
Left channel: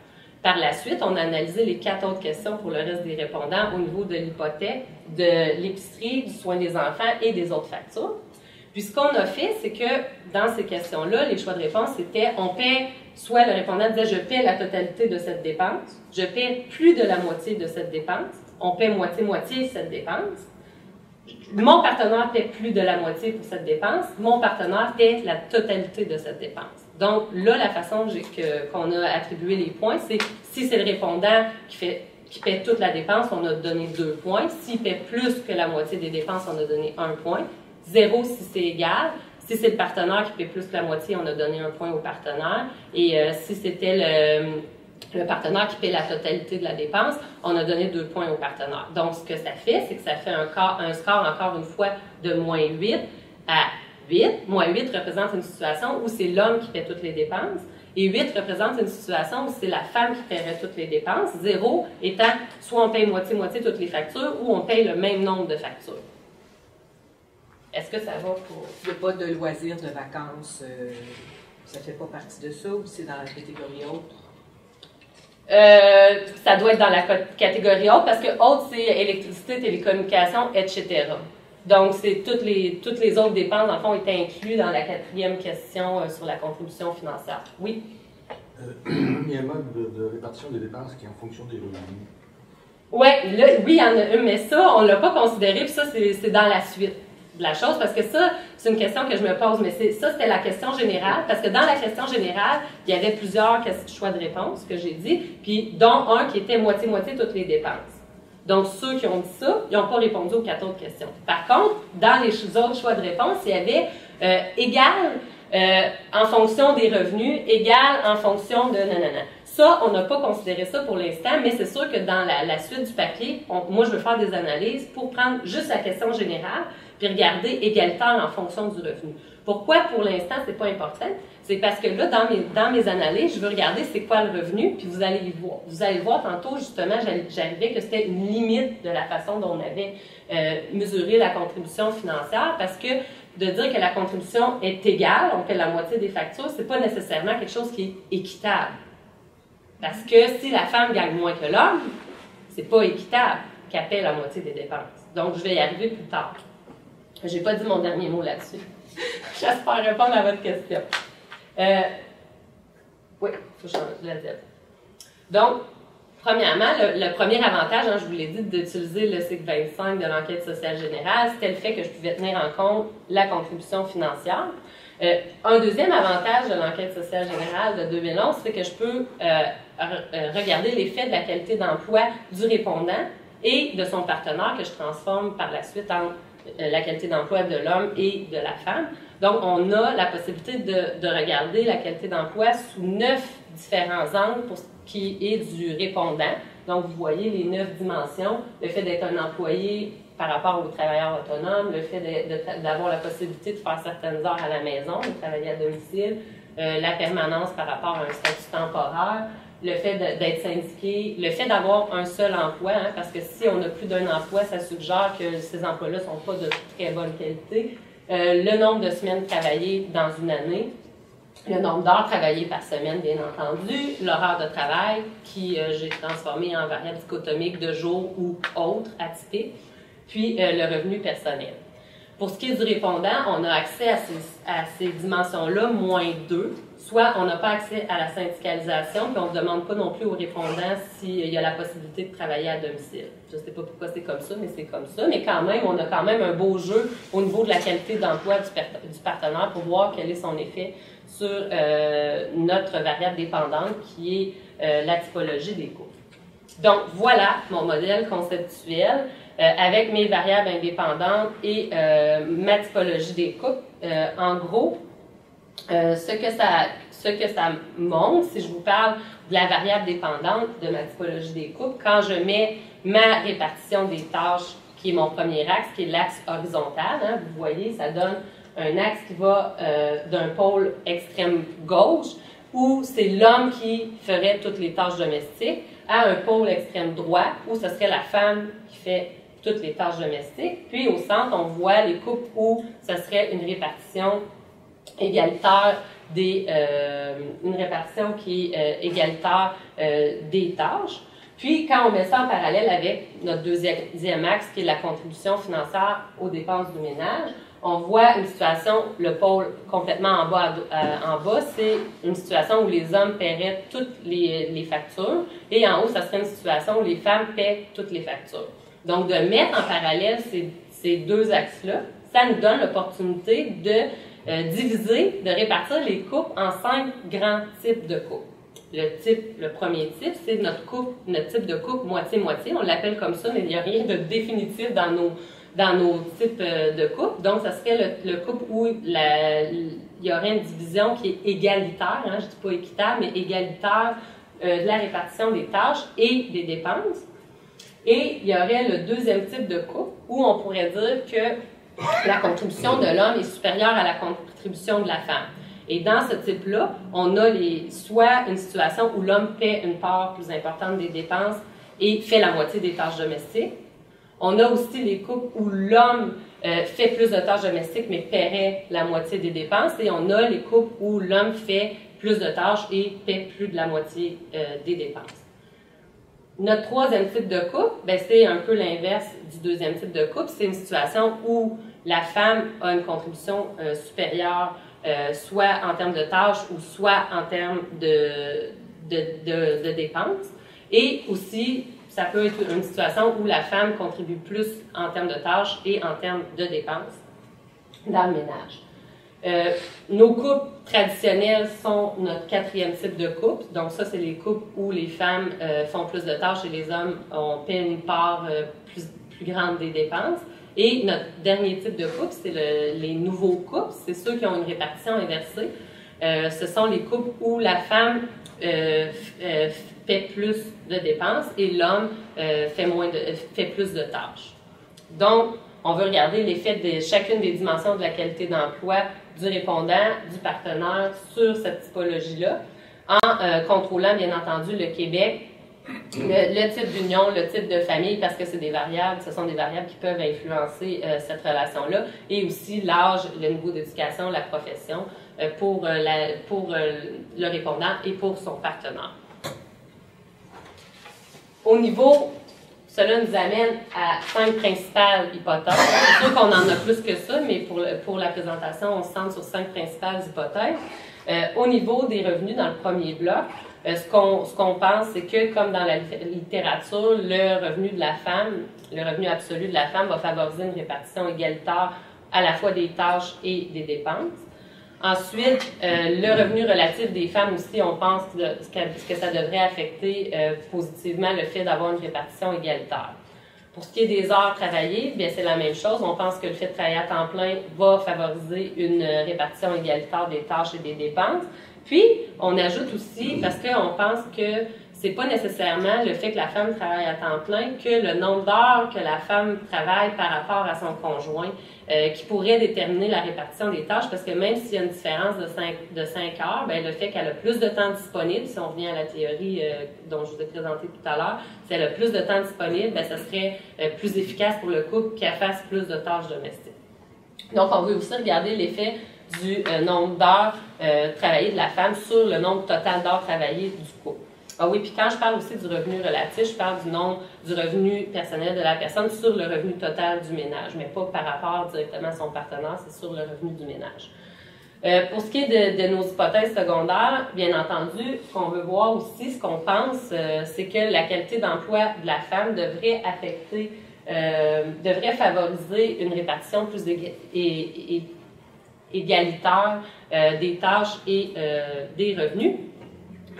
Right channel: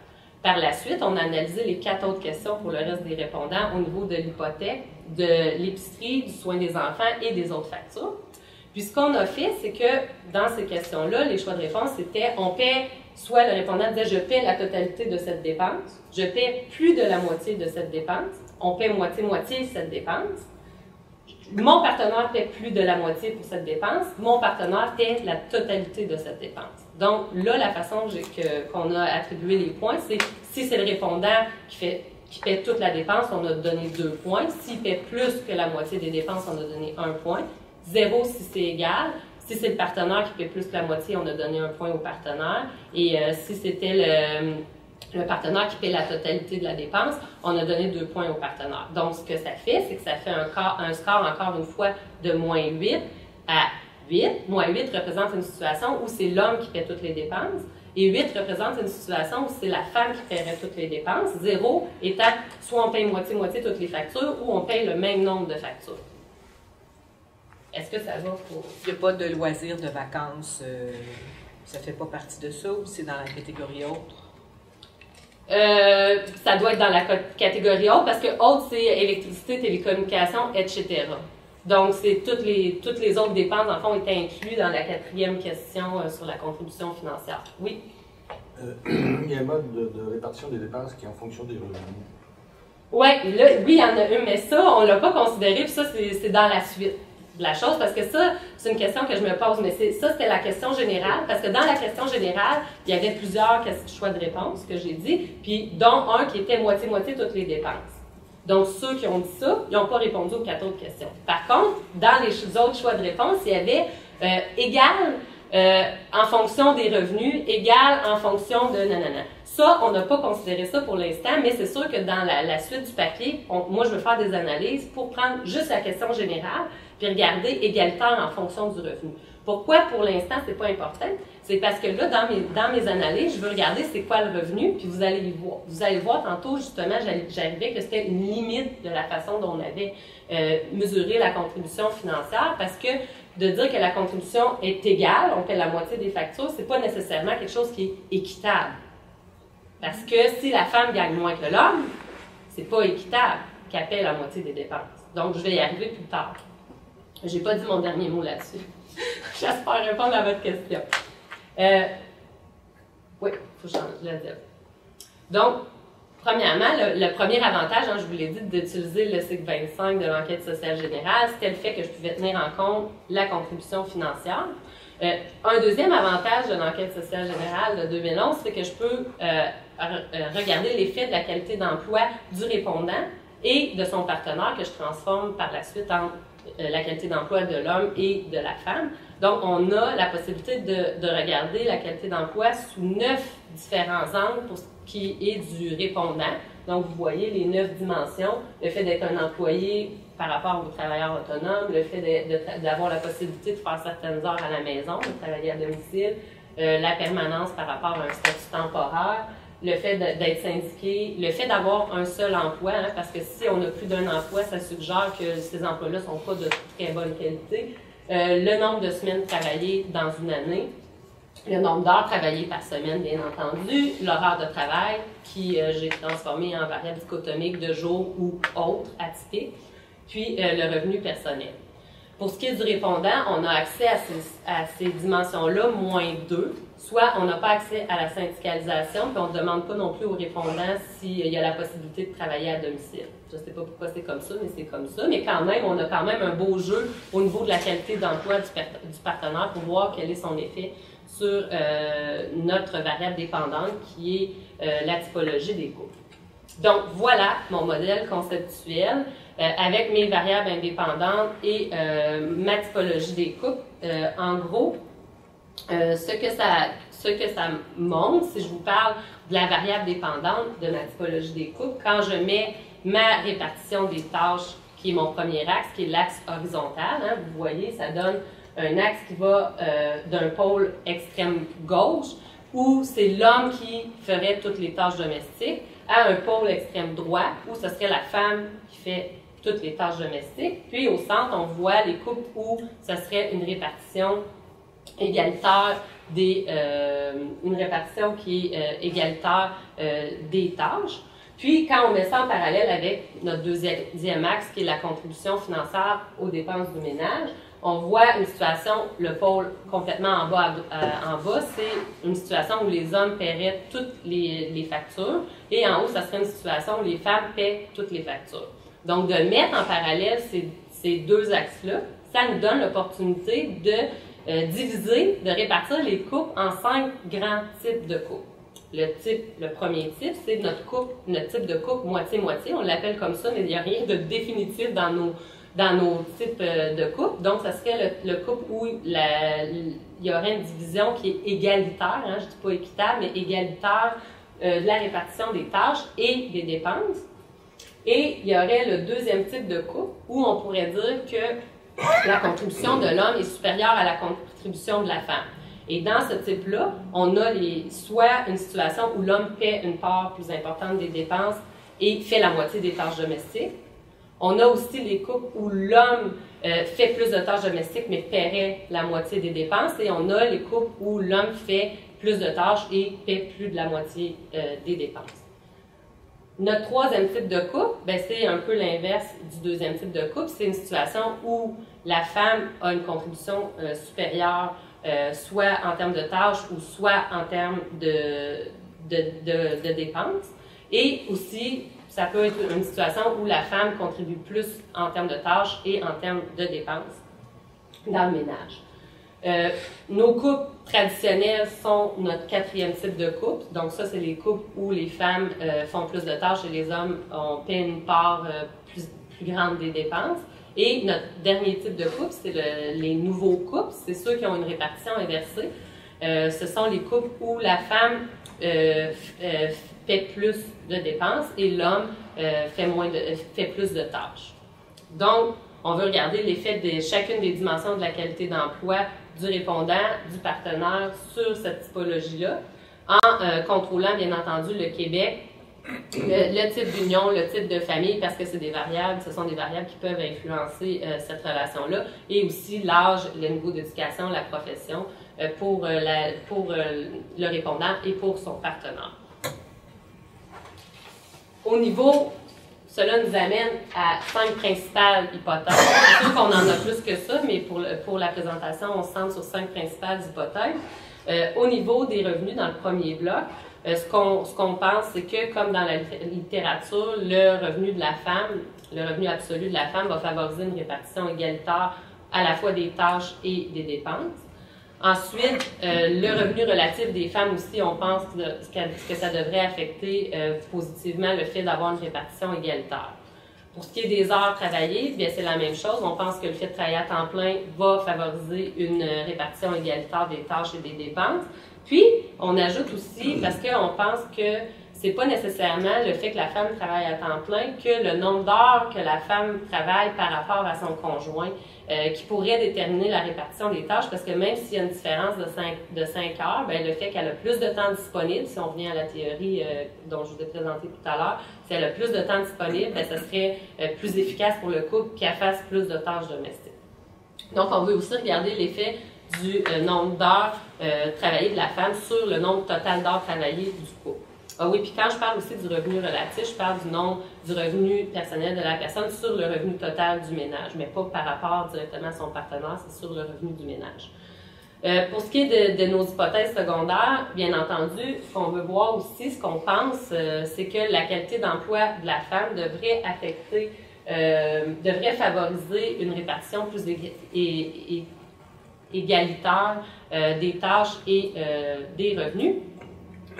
Par la suite, on a analysé les 4 autres questions pour le reste des répondants au niveau de l'hypothèque, de l'épicerie, du soin des enfants et des autres factures. Puis ce qu'on a fait, c'est que dans ces questions-là, les choix de réponse, c'était on paie, soit le répondant disait je paie la totalité de cette dépense, je paie plus de la moitié de cette dépense, on paie moitié-moitié cette dépense, mon partenaire paie plus de la moitié pour cette dépense, mon partenaire paie la totalité de cette dépense. Donc là, la façon qu'on a attribué les points, c'est si c'est le répondant qui paie toute la dépense, on a donné 2 points. S'il paie plus que la moitié des dépenses, on a donné 1 point. 0 si c'est égal. Si c'est le partenaire qui paie plus que la moitié, on a donné 1 point au partenaire. Et si c'était le partenaire qui paie la totalité de la dépense, on a donné 2 points au partenaire. Donc, ce que ça fait, c'est que ça fait un score, encore une fois, de moins 8 à 8. Moins 8 représente une situation où c'est l'homme qui paie toutes les dépenses. Et 8 représente une situation où c'est la femme qui paierait toutes les dépenses. 0 étant soit on paye moitié-moitié toutes les factures ou on paye le même nombre de factures. Est-ce que ça va pour... Il n'y a pas de loisirs, de vacances, ça ne fait pas partie de ça ou c'est dans la catégorie autre? Ça doit être dans la catégorie autre parce que autre, c'est électricité, télécommunications, etc. Donc, c'est toutes les autres dépenses, en fond, étaient incluses dans la 4e question sur la contribution financière. Oui? Il y a un mode de répartition des dépenses qui est en fonction des revenus. Oui, il y en a une, mais ça, on ne l'a pas considéré, puis ça, c'est dans la suite de la chose, parce que ça, c'est une question que je me pose, mais ça, c'était la question générale, parce que dans la question générale, il y avait plusieurs choix de réponse que j'ai dit, puis dont un qui était moitié-moitié toutes les dépenses. Donc, ceux qui ont dit ça, ils n'ont pas répondu aux 4 autres questions. Par contre, dans les autres choix de réponse, il y avait égal en fonction des revenus, égal en fonction de nanana. Ça, on n'a pas considéré ça pour l'instant, mais c'est sûr que dans la suite du papier, moi, je veux faire des analyses pour prendre juste la question générale, puis regarder égalitaire en fonction du revenu. Pourquoi, pour l'instant, c'est pas important? C'est parce que là, dans mes analyses, je veux regarder c'est quoi le revenu, puis vous allez y voir. Vous allez voir tantôt, justement, j'arrivais que c'était une limite de la façon dont on avait mesuré la contribution financière, parce que de dire que la contribution est égale, on paie la moitié des factures, c'est pas nécessairement quelque chose qui est équitable. Parce que si la femme gagne moins que l'homme, c'est pas équitable qu'elle paie la moitié des dépenses. Donc, je vais y arriver plus tard. J'ai pas dit mon dernier mot là-dessus. J'espère répondre à votre question. Oui, il faut changer le diapo. Donc, premièrement, le premier avantage, je vous l'ai dit, d'utiliser le cycle 25 de l'enquête sociale générale, c'était le fait que je pouvais tenir en compte la contribution financière. Un deuxième avantage de l'enquête sociale générale de 2011, c'est que je peux regarder l'effet de la qualité d'emploi du répondant et de son partenaire que je transforme par la suite en la qualité d'emploi de l'homme et de la femme. Donc, on a la possibilité de regarder la qualité d'emploi sous 9 différents angles pour ce qui est du répondant. Donc, vous voyez les 9 dimensions, le fait d'être un employé par rapport aux travailleurs autonomes, le fait d'avoir la possibilité de faire certaines heures à la maison, de travailler à domicile, la permanence par rapport à un statut temporaire, le fait d'être syndiqué, le fait d'avoir un seul emploi, parce que si on a plus d'un emploi, ça suggère que ces emplois-là ne sont pas de très bonne qualité, le nombre de semaines travaillées dans une année, le nombre d'heures travaillées par semaine, bien entendu, l'horaire de travail, qui j'ai transformé en variable dichotomique de jour ou autre, atypique, puis le revenu personnel. Pour ce qui est du répondant, on a accès à ces dimensions-là, moins 2, soit on n'a pas accès à la syndicalisation, puis on ne demande pas non plus aux répondants s'il y a la possibilité de travailler à domicile. Je ne sais pas pourquoi c'est comme ça, mais c'est comme ça. Mais quand même, on a quand même un beau jeu au niveau de la qualité d'emploi du partenaire pour voir quel est son effet sur notre variable dépendante qui est la typologie des couples. Donc, voilà mon modèle conceptuel avec mes variables indépendantes et ma typologie des couples. En gros, Ce que ça montre, si je vous parle de la variable dépendante de ma typologie des couples, quand je mets ma répartition des tâches, qui est mon premier axe, qui est l'axe horizontal, hein, vous voyez, ça donne un axe qui va d'un pôle extrême gauche, où c'est l'homme qui ferait toutes les tâches domestiques, à un pôle extrême droit, où ce serait la femme qui fait toutes les tâches domestiques. Puis au centre, on voit les couples où ce serait une répartition égalitaire une répartition qui est égalitaire des tâches. Puis, quand on met ça en parallèle avec notre deuxième axe, qui est la contribution financière aux dépenses du ménage, on voit une situation, le pôle complètement en bas, c'est une situation où les hommes paieraient toutes les factures, et en haut, ça serait une situation où les femmes paient toutes les factures. Donc, de mettre en parallèle ces deux axes-là, ça nous donne l'opportunité de diviser, de répartir les couples en 5 grands types de couples. Le premier type, c'est notre type de couple moitié-moitié. On l'appelle comme ça, mais il n'y a rien de définitif dans nos types de couples. Donc, ça serait le couple où il y aurait une division qui est égalitaire, hein, je ne dis pas équitable, mais égalitaire de la répartition des tâches et des dépenses. Et il y aurait le deuxième type de couple où on pourrait dire que la contribution de l'homme est supérieure à la contribution de la femme. Et dans ce type-là, on a soit une situation où l'homme paie une part plus importante des dépenses et fait la moitié des tâches domestiques. On a aussi les couples où l'homme fait plus de tâches domestiques mais paierait la moitié des dépenses. Et on a les couples où l'homme fait plus de tâches et paie plus de la moitié des dépenses. Notre troisième type de couple, c'est un peu l'inverse du deuxième type de couple. C'est une situation où la femme a une contribution supérieure, soit en termes de tâches ou soit en termes de dépenses. Et aussi, ça peut être une situation où la femme contribue plus en termes de tâches et en termes de dépenses dans le ménage. Nos couples traditionnels sont notre quatrième type de couple. Donc ça, c'est les couples où les femmes font plus de tâches et les hommes paient une part plus grande des dépenses. Et notre dernier type de couple, c'est les nouveaux couples. C'est ceux qui ont une répartition inversée. Ce sont les couples où la femme fait plus de dépenses et l'homme fait plus de tâches. Donc, on veut regarder l'effet de chacune des dimensions de la qualité d'emploi du répondant, du partenaire sur cette typologie-là, en contrôlant, bien entendu, le Québec, le type d'union, le type de famille, parce que c'est des variables, ce sont des variables qui peuvent influencer cette relation-là, et aussi l'âge, le niveau d'éducation, la profession pour le répondant et pour son partenaire. Au niveau, cela nous amène à 5 principales hypothèses. C'est sûr qu'on en a plus que ça, mais pour la présentation, on se centre sur 5 principales hypothèses. Au niveau des revenus, dans le premier bloc, ce qu'on pense, c'est que, comme dans la littérature, le revenu de la femme, le revenu absolu de la femme va favoriser une répartition égalitaire à la fois des tâches et des dépenses. Ensuite, le revenu relatif des femmes aussi, on pense que ça devrait affecter positivement le fait d'avoir une répartition égalitaire. Pour ce qui est des heures travaillées, bien c'est la même chose. On pense que le fait de travailler à temps plein va favoriser une répartition égalitaire des tâches et des dépenses. Puis, on ajoute aussi, parce qu'on pense que c'est pas nécessairement le fait que la femme travaille à temps plein que le nombre d'heures que la femme travaille par rapport à son conjoint qui pourrait déterminer la répartition des tâches, parce que même s'il y a une différence de 5 heures, bien, le fait qu'elle a plus de temps disponible, si on revient à la théorie dont je vous ai présenté tout à l'heure, si elle a plus de temps disponible, bien, ça serait plus efficace pour le couple qu'elle fasse plus de tâches domestiques. Donc, on veut aussi regarder l'effet du nombre d'heures travaillées de la femme sur le nombre total d'heures travaillées du couple. Ah oui, puis quand je parle aussi du revenu relatif, je parle du revenu personnel de la personne sur le revenu total du ménage, mais pas par rapport directement à son partenaire, c'est sur le revenu du ménage. Pour ce qui est de nos hypothèses secondaires, bien entendu, ce qu'on veut voir aussi, ce qu'on pense, c'est que la qualité d'emploi de la femme devrait favoriser une répartition plus égalitaire des tâches et des revenus.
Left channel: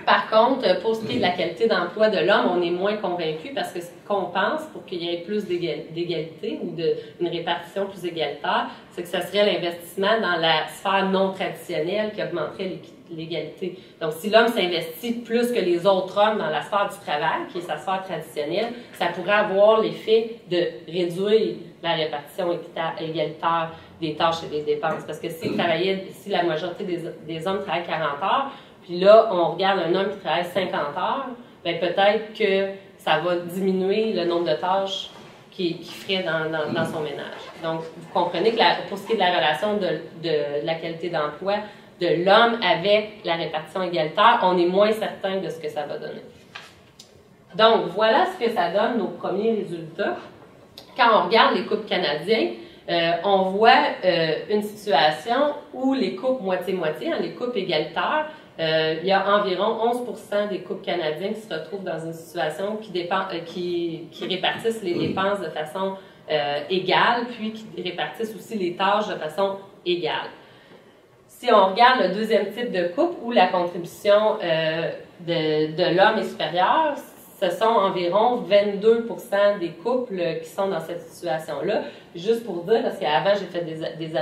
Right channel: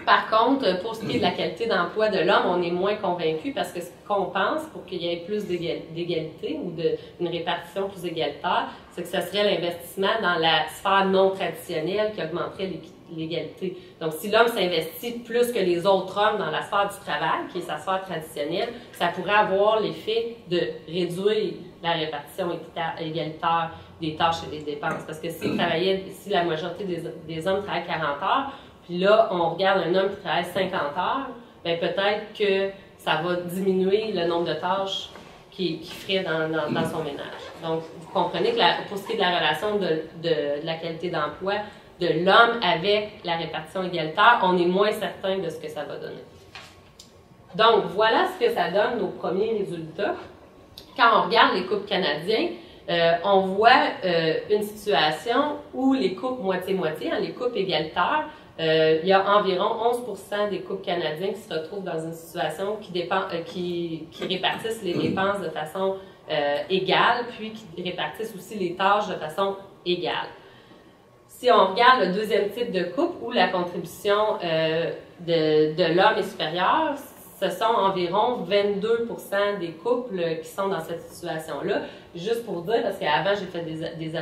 Par contre, pour ce qui est de la qualité d'emploi de l'homme, on est moins convaincu parce que ce qu'on pense pour qu'il y ait plus d'égalité ou une répartition plus égalitaire, c'est que ce serait l'investissement dans la sphère non traditionnelle qui augmenterait l'égalité. Donc, si l'homme s'investit plus que les autres hommes dans la sphère du travail, qui est sa sphère traditionnelle, ça pourrait avoir l'effet de réduire la répartition égalitaire des tâches et des dépenses. Parce que si la majorité des hommes travaillent 40 heures, puis là, on regarde un homme qui travaille 50 heures, bien peut-être que ça va diminuer le nombre de tâches qu'il ferait dans son ménage. Donc, vous comprenez que pour ce qui est de la relation de la qualité d'emploi de l'homme avec la répartition égalitaire, on est moins certain de ce que ça va donner. Donc, voilà ce que ça donne, nos premiers résultats. Quand on regarde les couples canadiens, on voit une situation où les couples moitié-moitié, les couples égalitaires, il y a environ 11% des couples canadiens qui se retrouvent dans une situation qui répartissent les dépenses de façon égale, puis qui répartissent aussi les tâches de façon égale. Si on regarde le deuxième type de couple où la contribution de l'homme est supérieure, ce sont environ 22% des couples qui sont dans cette situation-là. Juste pour dire, parce qu'avant, j'ai fait des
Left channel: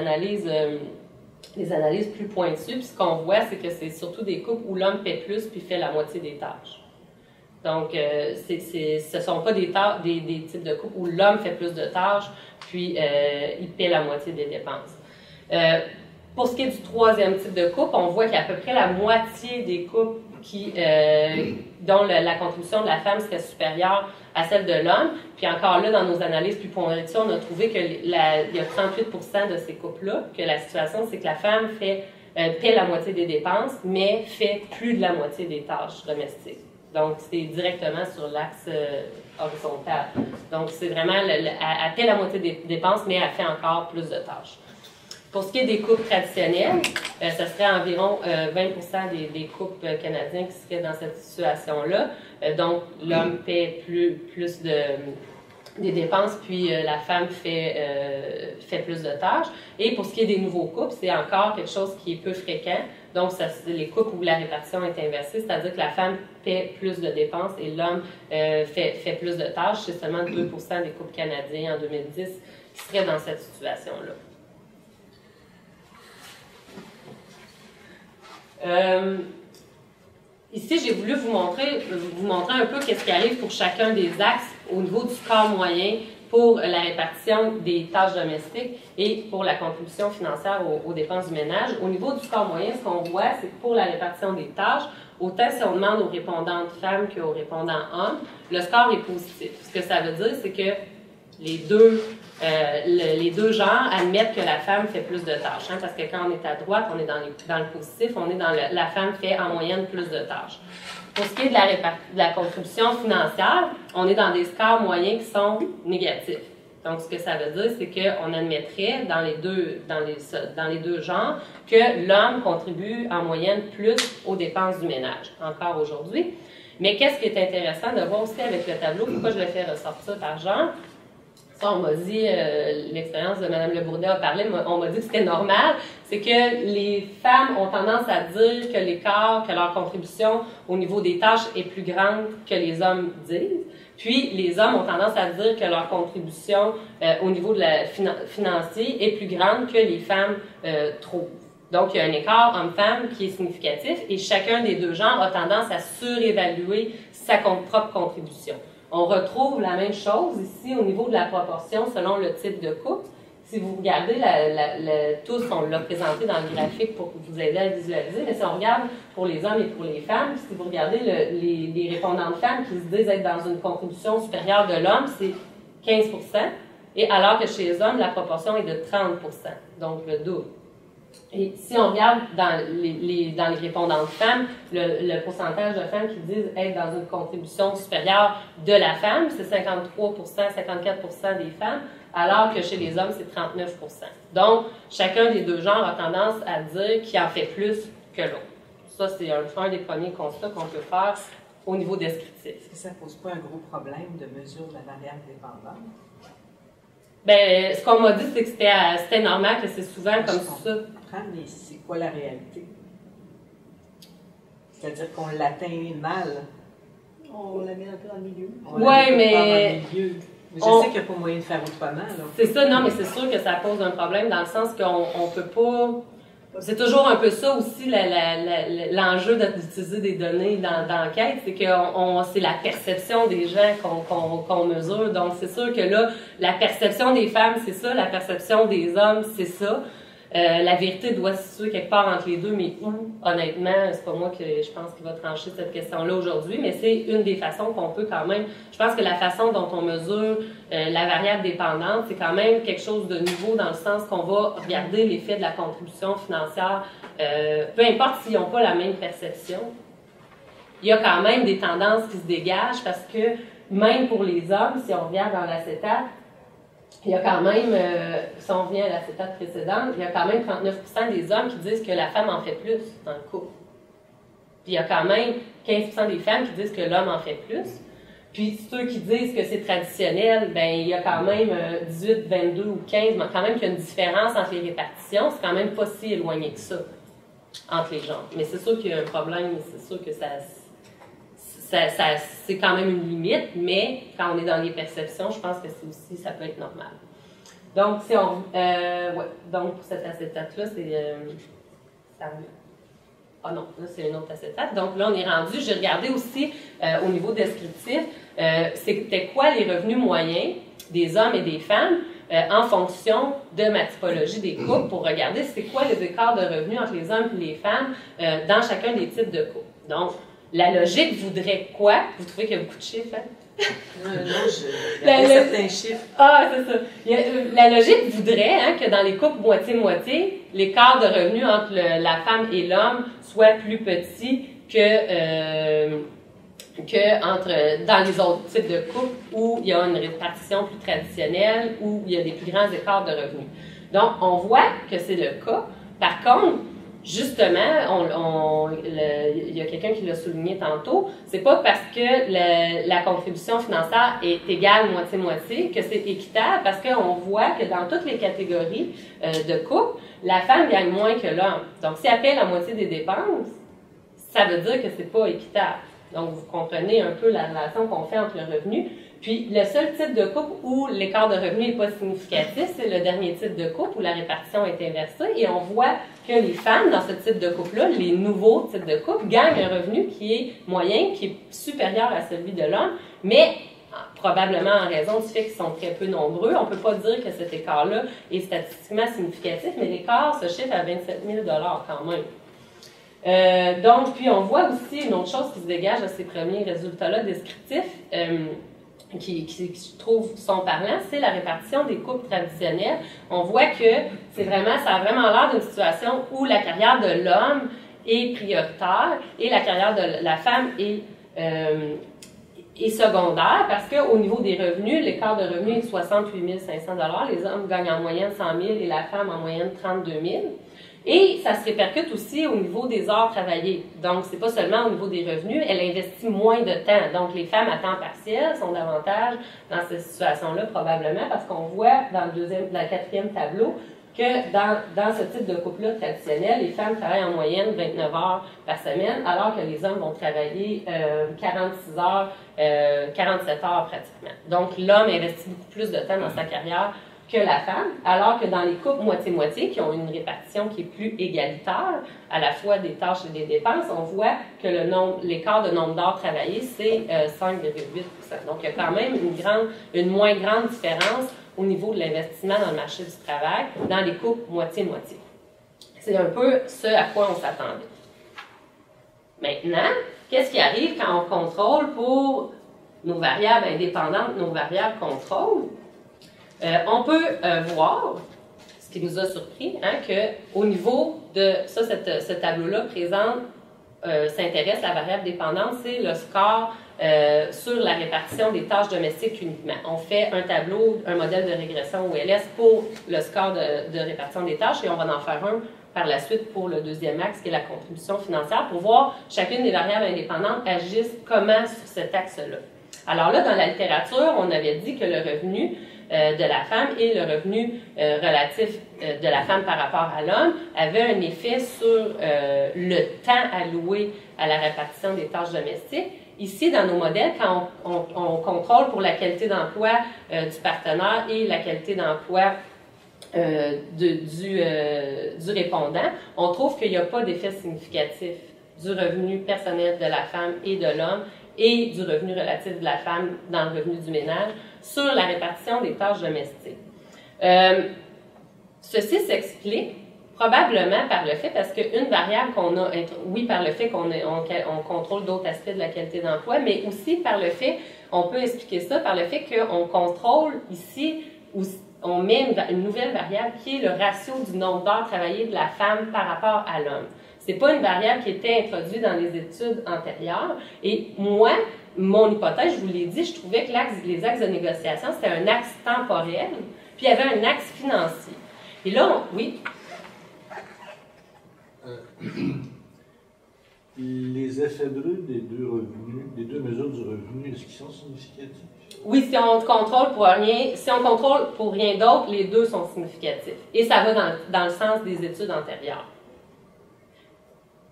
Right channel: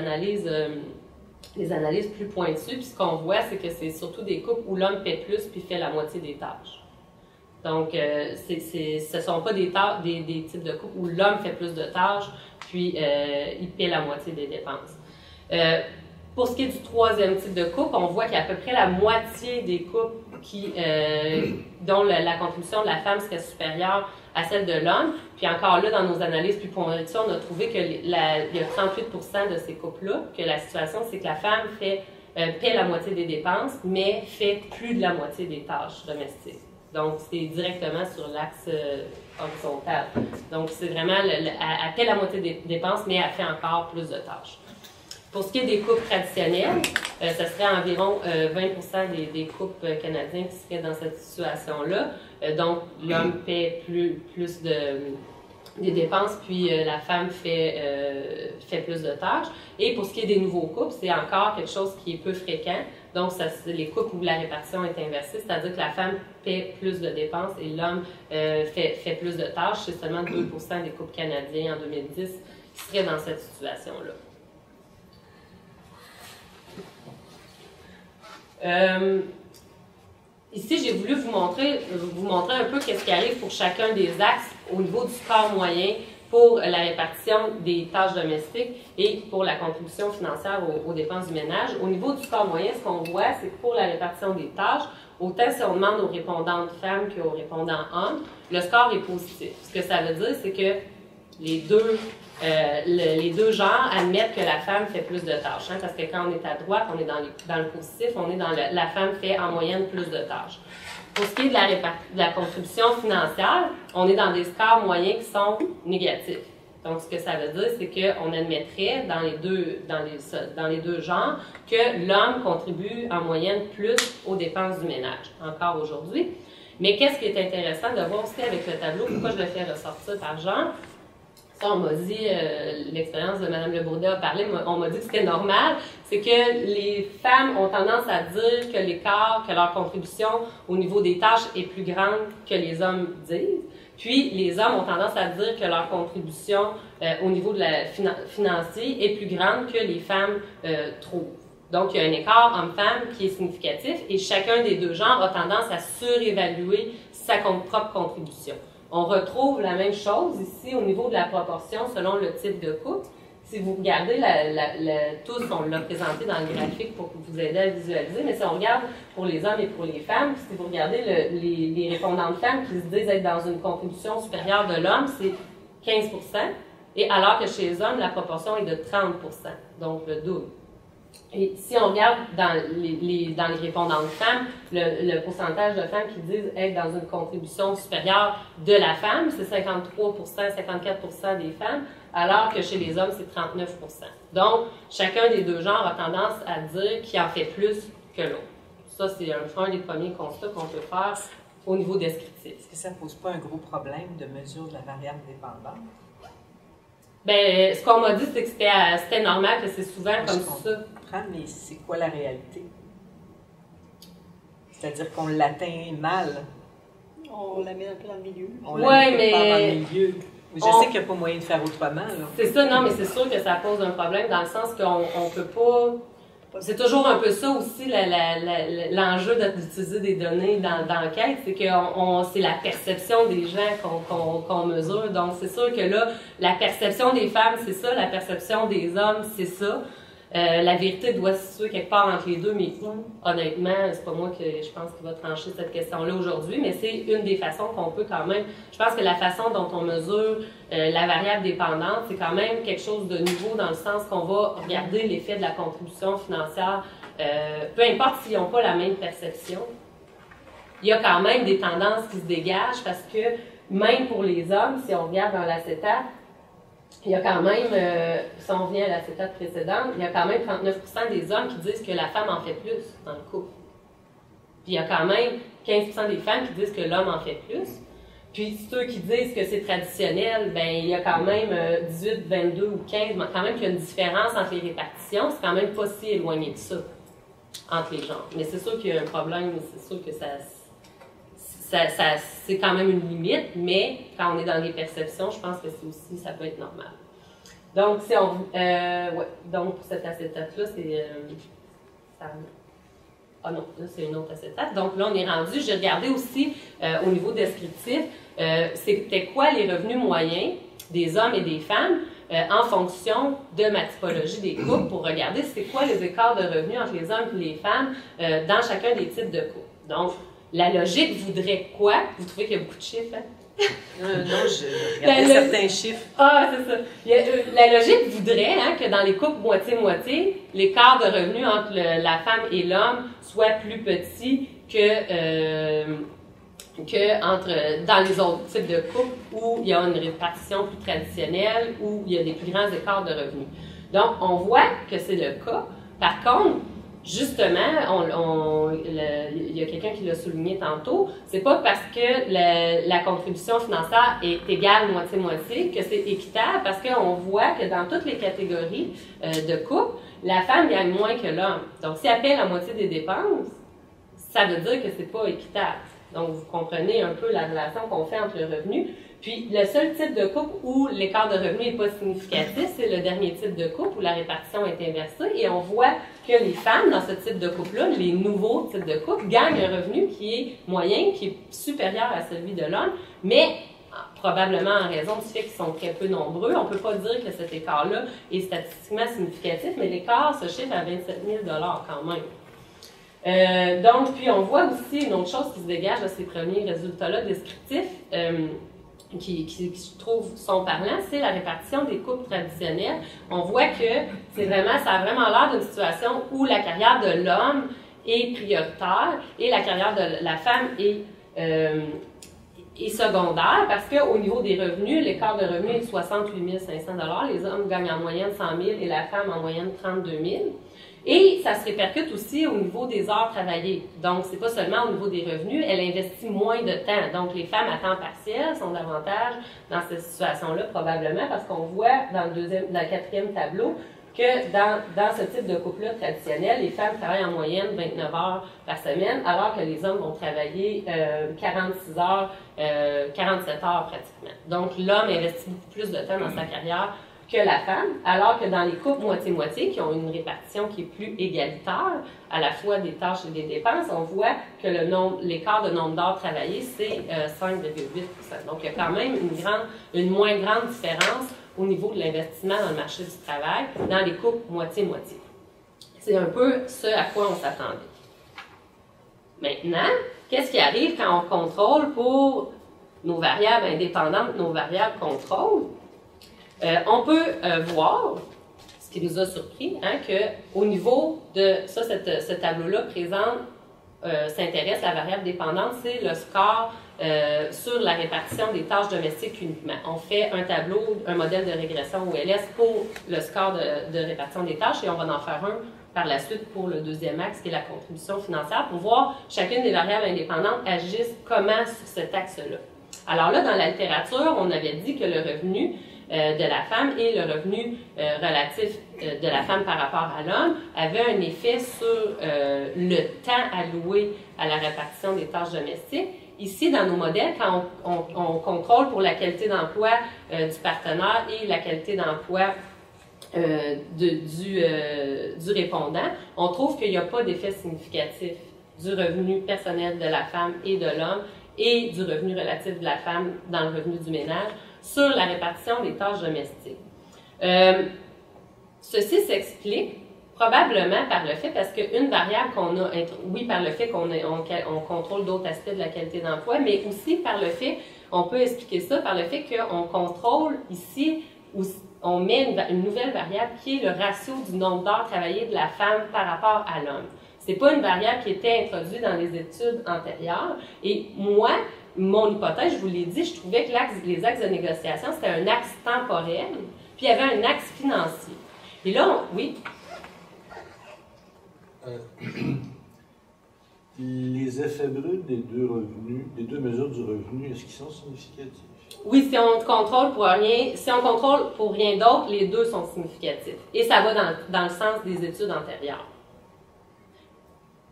analyses plus pointues, puis ce qu'on voit, c'est que c'est surtout des couples où l'homme paie plus puis fait la moitié des tâches. Donc, ce ne sont pas des types de couples où l'homme fait plus de tâches puis il paie la moitié des dépenses. Pour ce qui est du troisième type de couple, on voit qu'il y a à peu près la moitié des couples dont la contribution de la femme serait supérieure à celle de l'homme. Puis encore là, dans nos analyses plus pointues, on a trouvé qu'il y a 38% de ces couples-là, que la situation, c'est que la femme paie la moitié des dépenses, mais fait plus de la moitié des tâches domestiques. Donc, c'est directement sur l'axe horizontal. Donc, c'est vraiment, elle paie la moitié des dépenses, mais elle fait encore plus de tâches. Pour ce qui est des couples traditionnels, ce serait environ 20% des couples canadiens qui seraient dans cette situation-là. Donc, l'homme paie plus des dépenses, puis la femme fait plus de tâches. Et pour ce qui est des nouveaux couples, c'est encore quelque chose qui est peu fréquent. Donc, c'est les couples où la répartition est inversée, c'est-à-dire que la femme paie plus de dépenses et l'homme fait plus de tâches. C'est seulement 2% des couples canadiens en 2010 qui seraient dans cette situation-là. Ici, j'ai voulu vous montrer un peu qu'est-ce qui arrive pour chacun des axes au niveau du score moyen pour la répartition des tâches domestiques et pour la contribution financière aux dépenses du ménage. Au niveau du score moyen, ce qu'on voit, c'est que pour la répartition des tâches, autant si on demande aux répondantes femmes qu'aux répondants hommes, le score est positif. Ce que ça veut dire, c'est que les deux genres admettent que la femme fait plus de tâches. Parce que quand on est à droite, on est dans le positif, on est dans la femme fait en moyenne plus de tâches. Pour ce qui est de la contribution financière, on est dans des scores moyens qui sont négatifs. Donc, ce que ça veut dire, c'est qu'on admettrait dans les deux genres que l'homme contribue en moyenne plus aux dépenses du ménage, encore aujourd'hui. Mais qu'est-ce qui est intéressant de voir aussi avec le tableau, pourquoi je le fais ressortir par genre? Ça, on m'a dit, l'expérience de Mme Le Bourdet a parlé, on m'a dit que c'était normal, c'est que les femmes ont tendance à dire que l'écart, que leur contribution au niveau des tâches est plus grande que les hommes disent. Puis, les hommes ont tendance à dire que leur contribution au niveau de la financier est plus grande que les femmes trouvent. Donc, il y a un écart homme-femme qui est significatif et chacun des deux genres a tendance à surévaluer sa propre contribution. On retrouve la même chose ici au niveau de la proportion selon le type de couple. Si vous regardez, tous, on l'a présenté dans le graphique pour vous aider à le visualiser, mais si on regarde pour les hommes et pour les femmes, si vous regardez les répondantes femmes qui se disent être dans une contribution supérieure de l'homme, c'est 15%, et alors que chez les hommes, la proportion est de 30%, donc le double. Et si on regarde dans les répondantes femmes, le pourcentage de femmes qui disent être dans une contribution supérieure de la femme, c'est 53%, 54% des femmes, alors que chez les hommes, c'est 39%. Donc, chacun des deux genres a tendance à dire qu'il en fait plus que l'autre. Ça, c'est un des premiers constats qu'on peut faire au niveau descriptif. Est-ce que ça ne pose pas un gros problème de mesure de la variable dépendante? Bien, ce qu'on m'a dit, c'est que c'était normal, que c'est souvent comme ça. Mais c'est quoi la réalité? C'est-à-dire qu'on l'atteint mal. On la met un peu dans le milieu. Oui, mais... Je sais qu'il n'y a pas moyen de faire autrement. C'est ça, non, mais c'est sûr que ça pose un problème dans le sens qu'on ne peut pas... C'est toujours un peu ça aussi, l'enjeu d'utiliser des données dans l'enquête, c'est que c'est la perception des gens qu'on mesure. Donc, c'est sûr que là, la perception des femmes, c'est ça, la perception des hommes, c'est ça. La vérité doit se situer quelque part entre les deux, mais où, honnêtement, c'est pas moi que je pense qui va trancher cette question-là aujourd'hui, mais c'est une des façons qu'on peut quand même... Je pense que la façon dont on mesure la variable dépendante, c'est quand même quelque chose de nouveau dans le sens qu'on va regarder l'effet de la contribution financière, peu importe s'ils n'ont pas la même perception. Il y a quand même des tendances qui se dégagent parce que même pour les hommes, si on regarde dans l'acétate, il y a quand même, si on revient à l'acétate précédente, il y a quand même 39% des hommes qui disent que la femme en fait plus dans le couple. Puis il y a quand même 15% des femmes qui disent que l'homme en fait plus. Puis ceux qui disent que c'est traditionnel, ben il y a quand même 18, 22 ou 15, mais quand même qu'il y a une différence entre les répartitions. C'est quand même pas si éloigné que ça entre les genres. Mais c'est sûr qu'il y a un problème, c'est sûr que c'est quand même une limite, mais quand on est dans les perceptions, je pense que ça peut être normal. Donc, donc pour cet acétate-là, ah non, là, c'est une autre acétate. Donc là, on est rendu, j'ai regardé aussi au niveau descriptif, c'était quoi les revenus moyens des hommes et des femmes en fonction de ma typologie des couples pour regarder c'est quoi les écarts de revenus entre les hommes et les femmes dans chacun des types de couples. Donc, la logique voudrait quoi? Vous trouvez qu'il y a beaucoup de chiffres, hein? Il y a certains chiffres. Ah, c'est ça. La logique voudrait que dans les couples moitié-moitié, l'écart de revenus entre la femme et l'homme soit plus petit que dans les autres types de couples où il y a une répartition plus traditionnelle, où il y a des plus grands écarts de revenus. Donc, on voit que c'est le cas. Par contre, justement, il y a quelqu'un qui l'a souligné tantôt, c'est pas parce que la contribution financière est égale moitié-moitié que c'est équitable, parce qu'on voit que dans toutes les catégories de couple, la femme gagne moins que l'homme. Donc, si elle paie la moitié des dépenses, ça veut dire que c'est pas équitable. Donc, vous comprenez un peu la relation qu'on fait entre le revenu. Puis, le seul type de couple où l'écart de revenu n'est pas significatif, c'est le dernier type de couple où la répartition est inversée. Et on voit que les femmes dans ce type de couple-là, les nouveaux types de couple, gagnent un revenu qui est moyen, qui est supérieur à celui de l'homme, mais probablement en raison du fait qu'ils sont très peu nombreux. On ne peut pas dire que cet écart-là est statistiquement significatif, mais l'écart se chiffre à 27 000 $ quand même. Donc, puis on voit aussi une autre chose qui se dégage de ces premiers résultats-là descriptifs, qui je trouve sont parlants, c'est la répartition des couples traditionnels. On voit que ça a vraiment l'air d'une situation où la carrière de l'homme est prioritaire et la carrière de la femme est secondaire, parce qu'au niveau des revenus, l'écart de revenus est de 68 500 $. Les hommes gagnent en moyenne 100 000 et la femme en moyenne 32 000. Et ça se répercute aussi au niveau des heures travaillées. Donc, c'est pas seulement au niveau des revenus, elle investit moins de temps. Donc, les femmes à temps partiel sont davantage dans cette situation-là, probablement, parce qu'on voit dans le quatrième tableau que dans ce type de couple-là traditionnel, les femmes travaillent en moyenne 29 heures par semaine, alors que les hommes vont travailler 46 heures, 47 heures pratiquement. Donc, l'homme investit beaucoup plus de temps dans sa carrière que la femme, alors que dans les couples moitié-moitié, qui ont une répartition qui est plus égalitaire, à la fois des tâches et des dépenses, on voit que l'écart de nombre d'heures travaillées, c'est 5,8 %. Donc, il y a quand même une moins grande différence au niveau de l'investissement dans le marché du travail dans les couples moitié-moitié. C'est un peu ce à quoi on s'attendait. Maintenant, qu'est-ce qui arrive quand on contrôle pour nos variables indépendantes, nos variables contrôle? On peut voir, ce qui nous a surpris, qu'au niveau de ça, ce tableau-là s'intéresse à la variable dépendante, c'est le score sur la répartition des tâches domestiques uniquement. On fait un modèle de régression OLS pour le score de répartition des tâches et on va en faire un par la suite pour le deuxième axe, qui est la contribution financière, pour voir chacune des variables indépendantes agissent comment sur cet axe-là. Alors là, dans la littérature, on avait dit que le revenu de la femme et le revenu relatif de la femme par rapport à l'homme avait un effet sur le temps alloué à la répartition des tâches domestiques. Ici, dans nos modèles, quand on contrôle pour la qualité d'emploi du partenaire et la qualité d'emploi du répondant, on trouve qu'il n'y a pas d'effet significatif du revenu personnel de la femme et de l'homme et du revenu relatif de la femme dans le revenu du ménage sur la répartition des tâches domestiques. Ceci s'explique probablement par le fait, parce qu'une variable qu'on a, oui, par le fait qu'on contrôle d'autres aspects de la qualité d'emploi, mais aussi par le fait, on peut expliquer ça par le fait qu'on contrôle ici, on met une nouvelle variable qui est le ratio du nombre d'heures travaillées de la femme par rapport à l'homme. C'est pas une variable qui était introduite dans les études antérieures. Et moi, mon hypothèse, je vous l'ai dit, je trouvais que les axes de négociation, c'était un axe temporel, puis il y avait un axe financier. Et là, oui. Les effets bruts des deux mesures du revenu, est-ce qu'ils sont significatifs? Oui, si on contrôle pour rien d'autre, les deux sont significatifs. Et ça va dans le sens des études antérieures.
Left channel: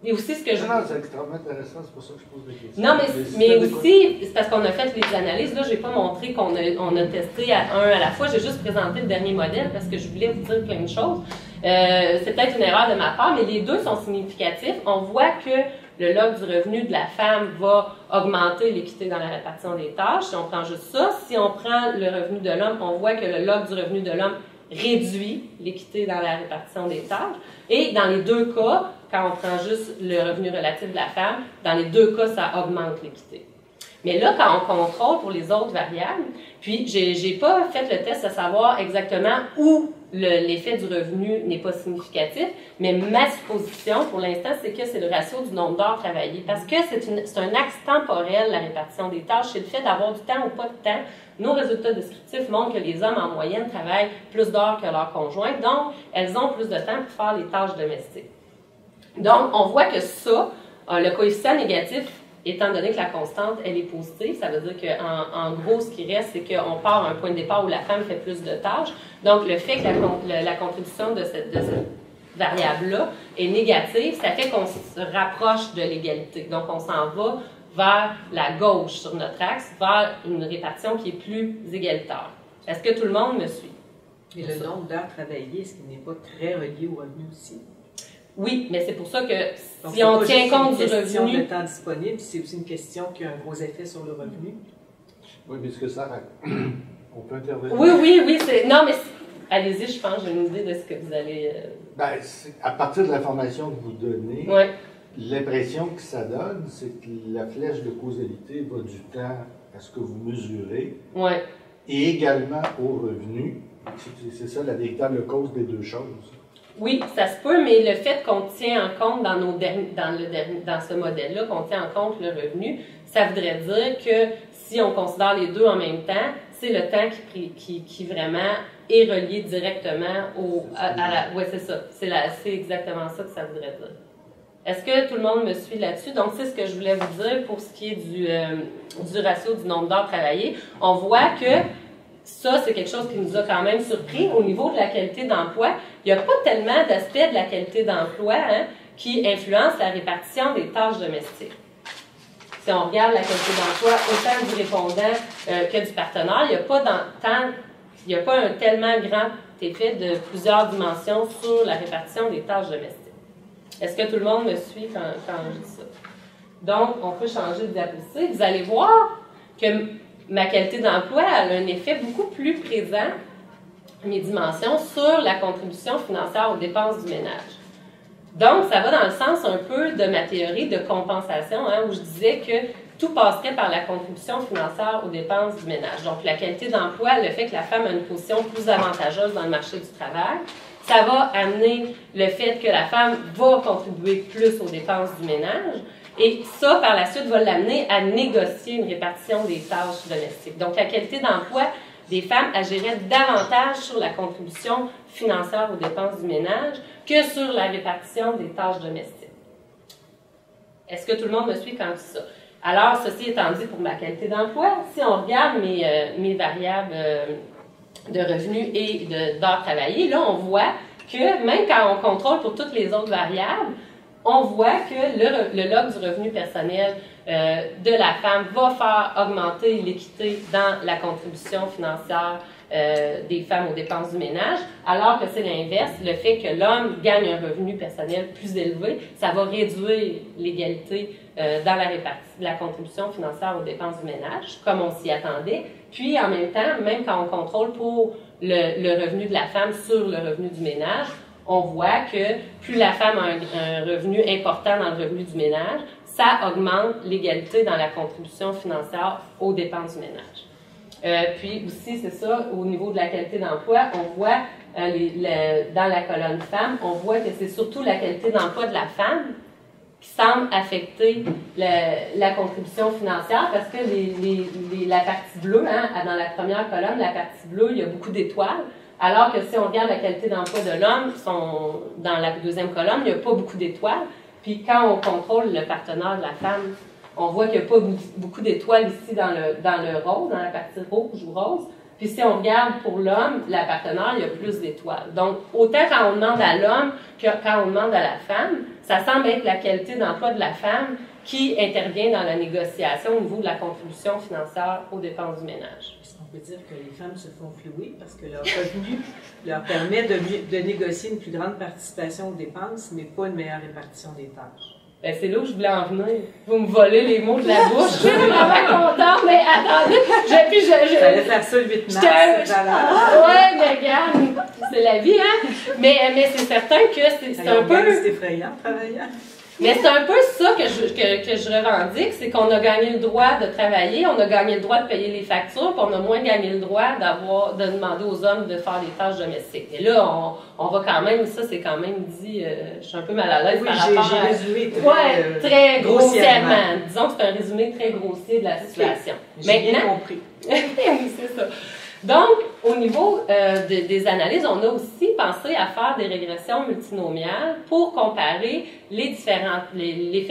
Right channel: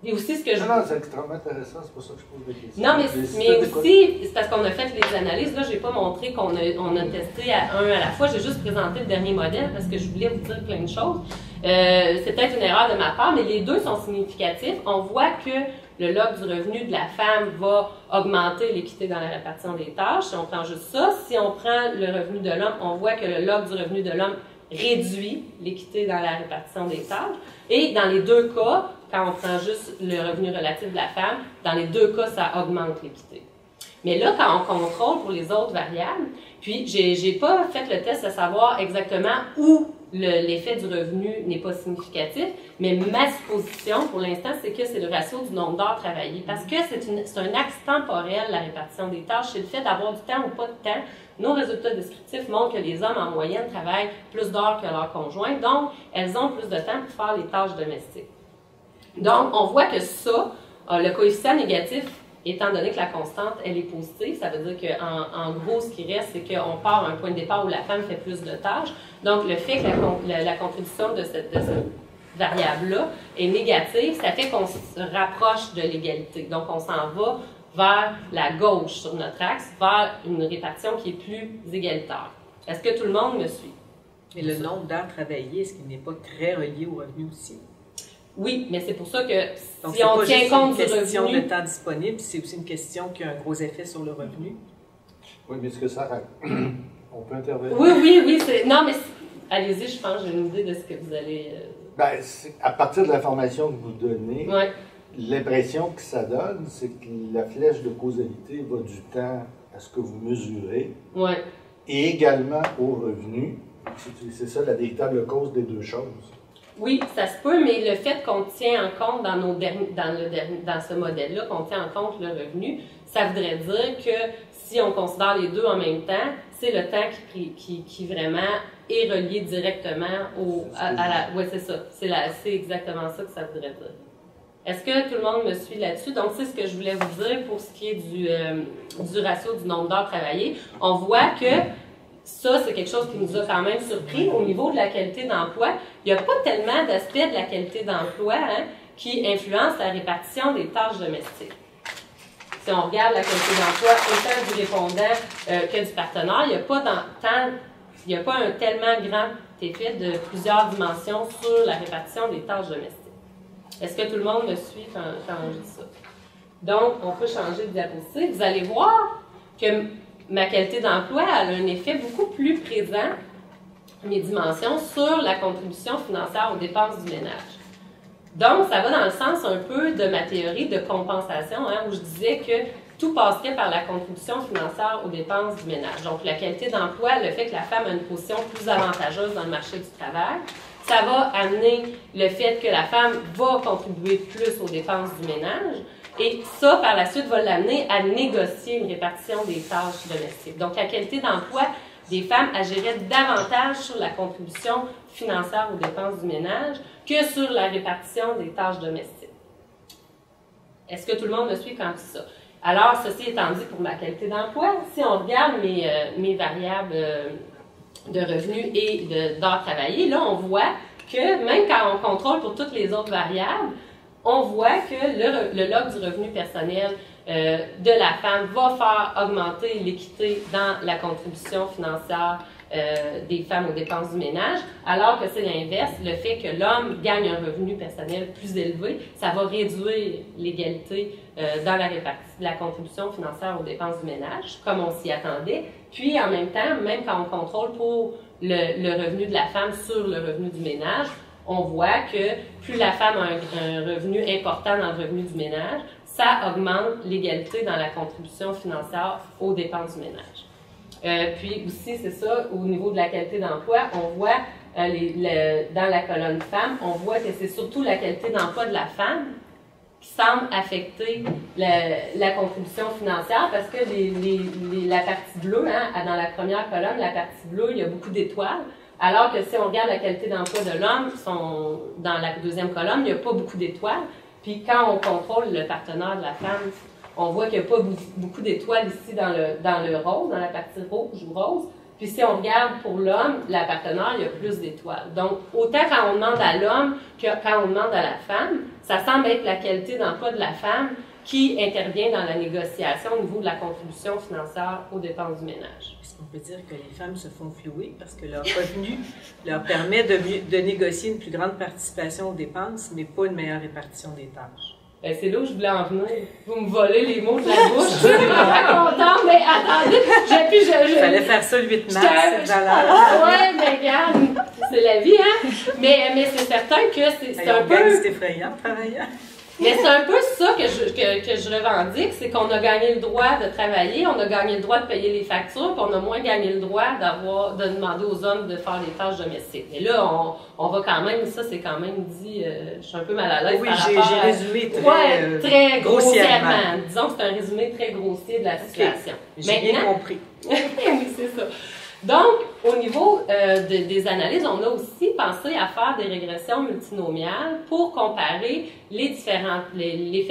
Et aussi ce que je... Non, c'est extrêmement intéressant, c'est pour ça que je pose des questions. Non, mais aussi, c'est parce qu'on a fait les analyses, là, je n'ai pas montré qu'on a testé un à la fois, j'ai juste présenté le dernier modèle parce que je voulais vous dire plein de choses. C'est peut-être une erreur de ma part, mais les deux sont significatifs. On voit que le log du revenu de la femme va augmenter l'équité dans la répartition des tâches. Si on prend juste ça, si on prend le revenu de l'homme, on voit que le log du revenu de l'homme réduit l'équité dans la répartition des tâches. Et dans les deux cas, quand on prend juste le revenu relatif de la femme, dans les deux cas, ça augmente l'équité. Mais là, quand on contrôle pour les autres variables, puis j'ai pas fait le test à savoir exactement où l'effet du revenu n'est pas significatif, mais ma supposition pour l'instant, c'est que c'est le ratio du nombre d'heures travaillées. Parce que c'est un axe temporel, la répartition des tâches. C'est le fait d'avoir du temps ou pas de temps. Nos résultats descriptifs montrent que les hommes, en moyenne, travaillent plus d'heures que leurs conjoints. Donc, elles ont plus de temps pour faire les tâches domestiques. Donc, on voit que ça, le coefficient négatif, étant donné que la constante, elle est positive, ça veut dire qu'en gros, ce qui reste, c'est qu'on part à un point de départ où la femme fait plus de tâches. Donc, le fait que la contribution de cette variable-là est négative, ça fait qu'on se rapproche de l'égalité. Donc, on s'en va vers la gauche sur notre axe, vers une répartition qui est plus égalitaire. Est-ce que tout le monde me suit? Et le nombre d'heures travaillées, est-ce qu'il n'est pas très relié au revenu aussi? Oui, mais c'est pour ça que donc, si on tient compte du revenu... C'est une question de temps disponible, c'est aussi une question qui a un gros effet sur le revenu. Oui, mais est-ce que ça... On peut intervenir? Oui, non, mais allez-y, je pense, j'ai une idée de ce que vous allez... Ben, à partir de l'information que vous donnez, ouais. L'impression que ça donne, c'est que la flèche de causalité va du temps à ce que vous mesurez, ouais. Et également au revenu. C'est ça la véritable cause des deux choses. Oui, ça se peut, mais le fait qu'on tient en compte dans ce modèle-là, qu'on tient en compte le revenu, ça voudrait dire que si on considère les deux en même temps, c'est le temps qui vraiment est relié directement à la... Oui, c'est ça. C'est exactement ça que ça voudrait dire. Est-ce que tout le monde me suit là-dessus? Donc, c'est ce que je voulais vous dire pour ce qui est du ratio du nombre d'heures travaillées. On voit que ça, c'est quelque chose qui nous a quand même surpris. Au niveau de la qualité d'emploi, il n'y a pas tellement d'aspects de la qualité d'emploi qui influencent la répartition des tâches domestiques. Si on regarde la qualité d'emploi autant du répondant que du partenaire, il n'y a pas un tellement grand effet de plusieurs dimensions sur la répartition des tâches domestiques. Est-ce que tout le monde me suit quand je dis ça? Donc, on peut changer de diapositive. Vous allez voir que ma qualité d'emploi a un effet beaucoup plus présent, mes dimensions, sur la contribution financière aux dépenses du ménage. Donc, ça va dans le sens un peu de ma théorie de compensation, où je disais que tout passerait par la contribution financière aux dépenses du ménage. Donc, la qualité d'emploi, le fait que la femme a une position plus avantageuse dans le marché du travail, ça va amener le fait que la femme va contribuer plus aux dépenses du ménage. Et ça, par la suite, va l'amener à négocier une répartition des tâches domestiques. Donc, la qualité d'emploi des femmes agirait davantage sur la contribution financière aux dépenses du ménage que sur la répartition des tâches domestiques. Est-ce que tout le monde me suit quand je dis ça? Alors, ceci étant dit, pour ma qualité d'emploi, si on regarde mes variables de revenus et d'heures travaillées, là, on voit que même quand on contrôle pour toutes les autres variables, on voit que le log du revenu personnel de la femme va faire augmenter l'équité dans la contribution financière des femmes aux dépenses du ménage, alors que c'est l'inverse, le fait que l'homme gagne un revenu personnel plus élevé, ça va réduire l'égalité dans la contribution financière aux dépenses du ménage, comme on s'y attendait. Puis, en même temps, même quand on contrôle pour le revenu de la femme sur le revenu du ménage, on voit que plus la femme a un revenu important dans le revenu du ménage, ça augmente l'égalité dans la contribution financière aux dépenses du ménage. Puis aussi, c'est ça, au niveau de la qualité d'emploi, on voit dans la colonne femmes, on voit que c'est surtout la qualité d'emploi de la femme qui semble affecter la contribution financière parce que la partie bleue, hein, dans la première colonne, la partie bleue, il y a beaucoup d'étoiles. Alors que si on regarde la qualité d'emploi de l'homme, dans la deuxième colonne, il n'y a pas beaucoup d'étoiles. Puis quand on contrôle le partenaire de la femme, on voit qu'il n'y a pas beaucoup d'étoiles ici dans le rose, dans la partie rouge ou rose. Puis si on regarde pour l'homme, la partenaire, il y a plus d'étoiles. Donc, autant quand on demande à l'homme que quand on demande à la femme, ça semble être la qualité d'emploi de la femme qui intervient dans la négociation au niveau de la contribution financière aux dépenses du ménage. Est-ce qu'on peut dire que les femmes se font flouer parce que leur revenu leur permet de négocier une plus grande participation aux dépenses, mais pas une meilleure répartition des tâches? Ben, c'est là où je voulais en venir. Vous me volez les mots de la bouche. Je suis vraiment contente, mais attendez. J'allais faire ça le 8 mars. Ouais, mais regarde, c'est la vie, hein? Mais c'est certain que c'est un peu... C'est effrayant, travaillant. Mais c'est un peu ça que je revendique, c'est qu'on a gagné le droit de travailler, on a gagné le droit de payer les factures, puis on a moins gagné le droit de demander aux hommes de faire des tâches domestiques. Mais là, on va quand même, ça c'est quand même dit, je suis un peu mal à l'aise par rapport à... Résumé très grossièrement. Disons que c'est un résumé très grossier de la situation. J'ai bien compris. Oui, c'est ça. Donc, au niveau des analyses, on a aussi pensé à faire des régressions multinomiales pour comparer l'effet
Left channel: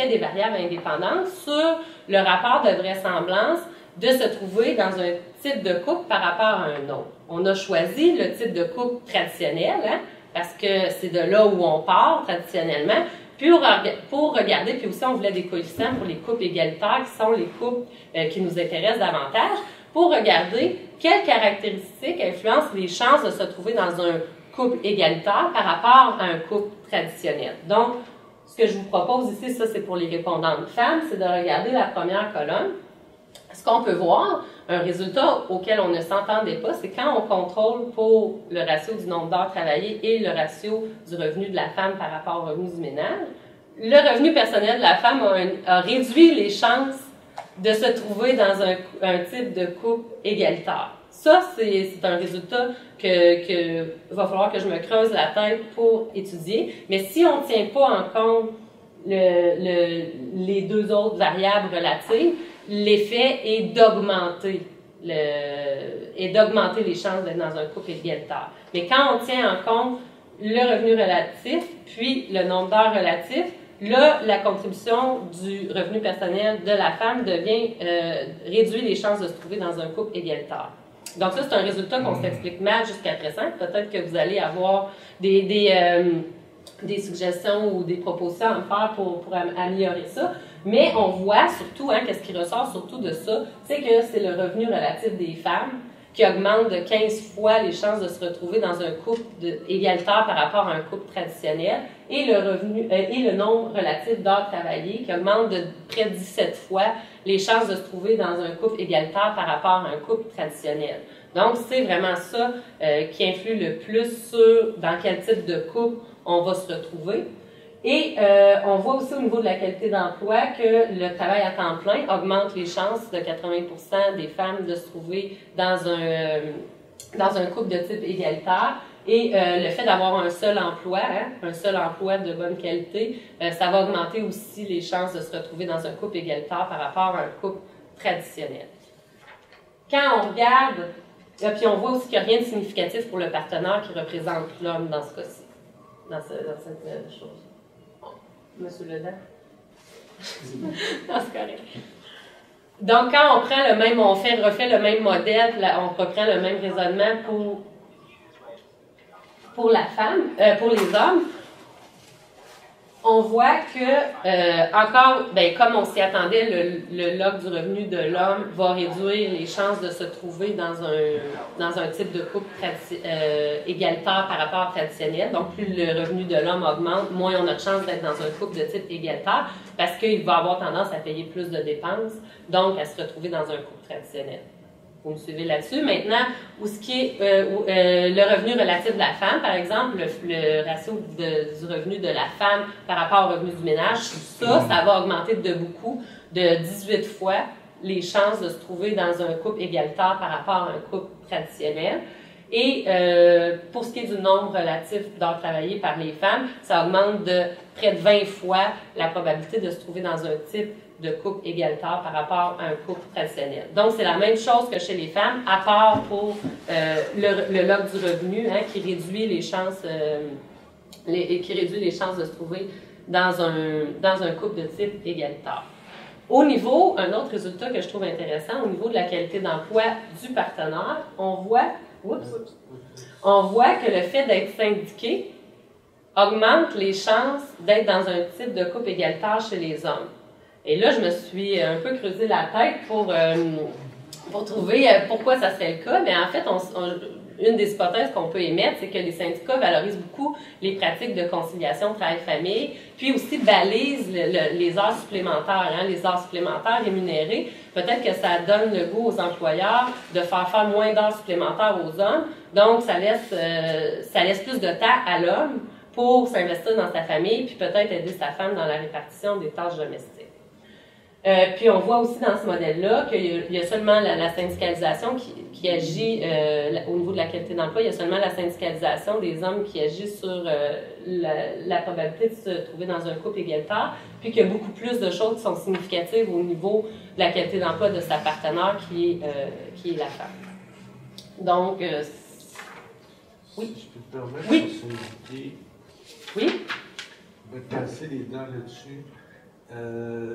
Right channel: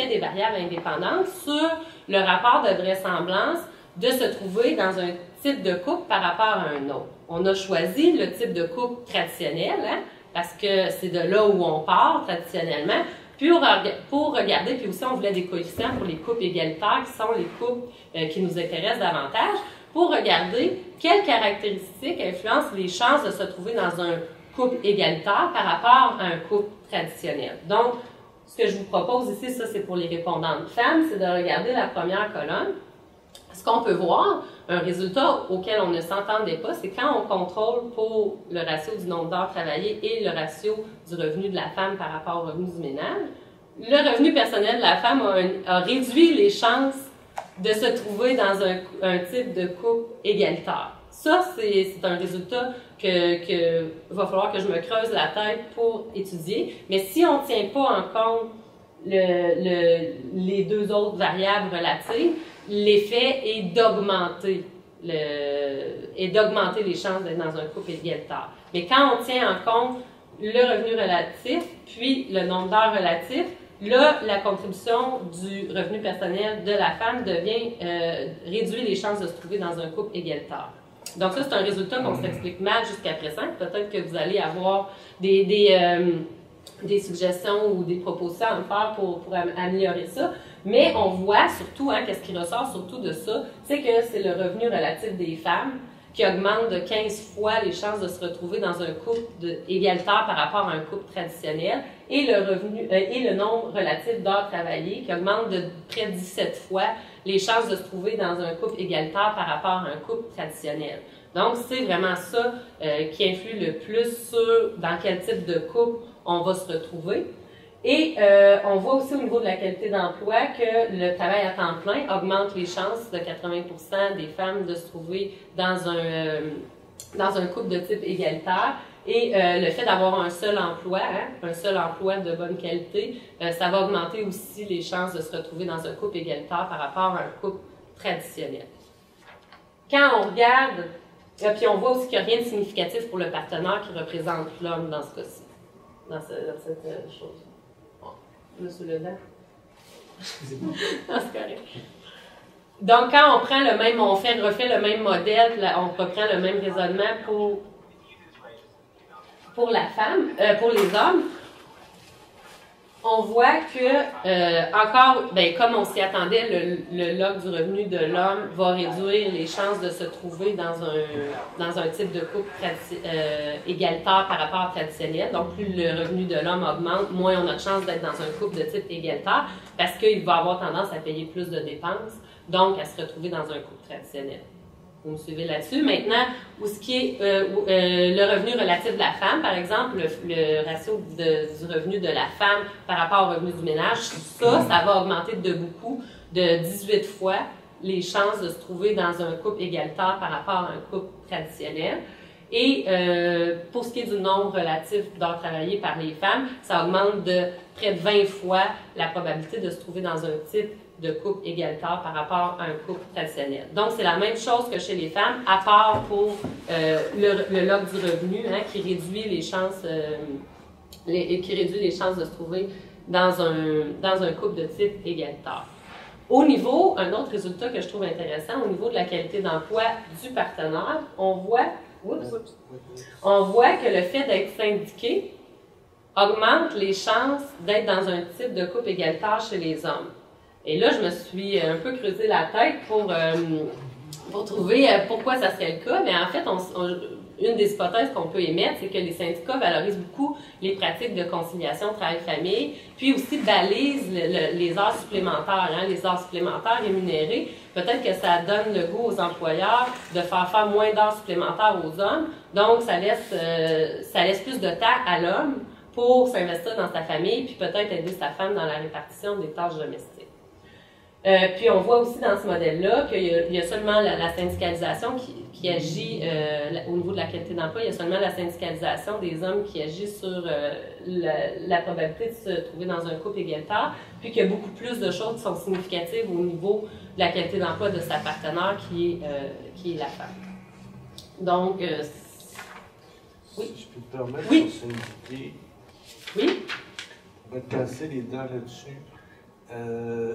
des variables indépendantes sur le rapport de vraisemblance de se trouver dans un type de couple par rapport à un autre. On a choisi le type de couple traditionnel, hein, parce que c'est de là où on part traditionnellement, pour regarder, puis aussi on voulait des coefficients pour les couples égalitaires, qui sont les couples qui nous intéressent davantage, pour regarder quelles caractéristiques influencent les chances de se trouver dans un couple égalitaire par rapport à un couple traditionnel. Donc, ce que je vous propose ici, ça c'est pour les répondantes femmes, c'est de regarder la première colonne. Ce qu'on peut voir, un résultat auquel on ne s'entendait pas, c'est quand on contrôle pour le ratio du nombre d'heures travaillées et le ratio du revenu de la femme par rapport au revenu du ménage, le revenu personnel de la femme a réduit les chances de se trouver dans un type de couple égalitaire. Ça, c'est un résultat que va falloir que je me creuse la tête pour étudier. Mais si on ne tient pas en compte les deux autres variables relatives, l'effet est d'augmenter les chances d'être dans un couple égalitaire. Mais quand on tient en compte le revenu relatif, puis le nombre d'heures relatif, là, la contribution du revenu personnel de la femme réduit les chances de se trouver dans un couple égalitaire. Donc ça, c'est un résultat qu'on s'explique mal jusqu'à présent. Peut-être que vous allez avoir des suggestions ou des propositions à me faire pour améliorer ça. Mais on voit surtout, hein, qu'est-ce qui ressort surtout de ça, c'est que c'est le revenu relatif des femmes qui augmente de 15 fois les chances de se retrouver dans un couple égalitaire par rapport à un couple traditionnel, et le nombre relatif d'heures travaillées qui augmente de près de 17 fois les chances de se trouver dans un couple égalitaire par rapport à un couple traditionnel. Donc, c'est vraiment ça qui influe le plus sur dans quel type de couple on va se retrouver. Et on voit aussi au niveau de la qualité d'emploi que le travail à temps plein augmente les chances de 80% des femmes de se trouver dans un couple de type égalitaire. Et le fait d'avoir un seul emploi, hein, un seul emploi de bonne qualité, ça va augmenter aussi les chances de se retrouver dans un couple égalitaire par rapport à un couple traditionnel. Quand on regarde, puis on voit aussi qu'il n'y a rien de significatif pour le partenaire qui représente l'homme dans ce cas-ci, dans cette chose. Monsieur Ledain? Non, c'est correct. Donc, quand on prend le même, refait le même modèle, on reprend le même raisonnement pour la femme, pour les hommes, on voit que, encore, ben, comme on s'y attendait, le log du revenu de l'homme va réduire les chances de se trouver dans un type de couple égalitaire par rapport au traditionnel. Donc, plus le revenu de l'homme augmente, moins on a de chances d'être dans un couple de type égalitaire parce qu'il va avoir tendance à payer plus de dépenses, donc à se retrouver dans un couple traditionnel. Vous me suivez là-dessus. Maintenant, où ce qui est le revenu relatif de la femme, par exemple, le ratio du revenu de la femme par rapport au revenu du ménage, ça va augmenter de beaucoup, de 18 fois les chances de se trouver dans un couple égalitaire par rapport à un couple traditionnel. Et pour ce qui est du nombre relatif d'heures travaillées par les femmes, ça augmente de près de 20 fois la probabilité de se trouver dans un type de couple égalitaire par rapport à un couple traditionnel. Donc, c'est la même chose que chez les femmes, à part pour le log du revenu, hein, qui réduit les chances de se trouver dans un couple de type égalitaire. Au niveau, un autre résultat que je trouve intéressant, au niveau de la qualité d'emploi du partenaire, on voit que le fait d'être syndiqué augmente les chances d'être dans un type de couple égalitaire chez les hommes. Et là, je me suis un peu creusé la tête pour trouver pourquoi ça serait le cas. Mais en fait, une des hypothèses qu'on peut émettre, c'est que les syndicats valorisent beaucoup les pratiques de conciliation travail-famille, puis aussi balisent les heures supplémentaires, hein, les heures supplémentaires rémunérées. Peut-être que ça donne le goût aux employeurs de faire moins d'heures supplémentaires aux hommes. Donc, ça laisse plus de temps à l'homme pour s'investir dans sa famille, puis peut-être aider sa femme dans la répartition des tâches domestiques. Puis on voit aussi dans ce modèle-là qu'il y a seulement la syndicalisation qui agit au niveau de la qualité d'emploi. Il y a seulement la syndicalisation des hommes qui agit sur la probabilité de se trouver dans un couple égalitaire, puis qu'il y a beaucoup plus de choses qui sont significatives au niveau de la qualité d'emploi de sa partenaire qui est la femme. Donc, oui. Si je peux te permettre Oui. de syndiquer, Oui? on va te casser les dents là-dessus.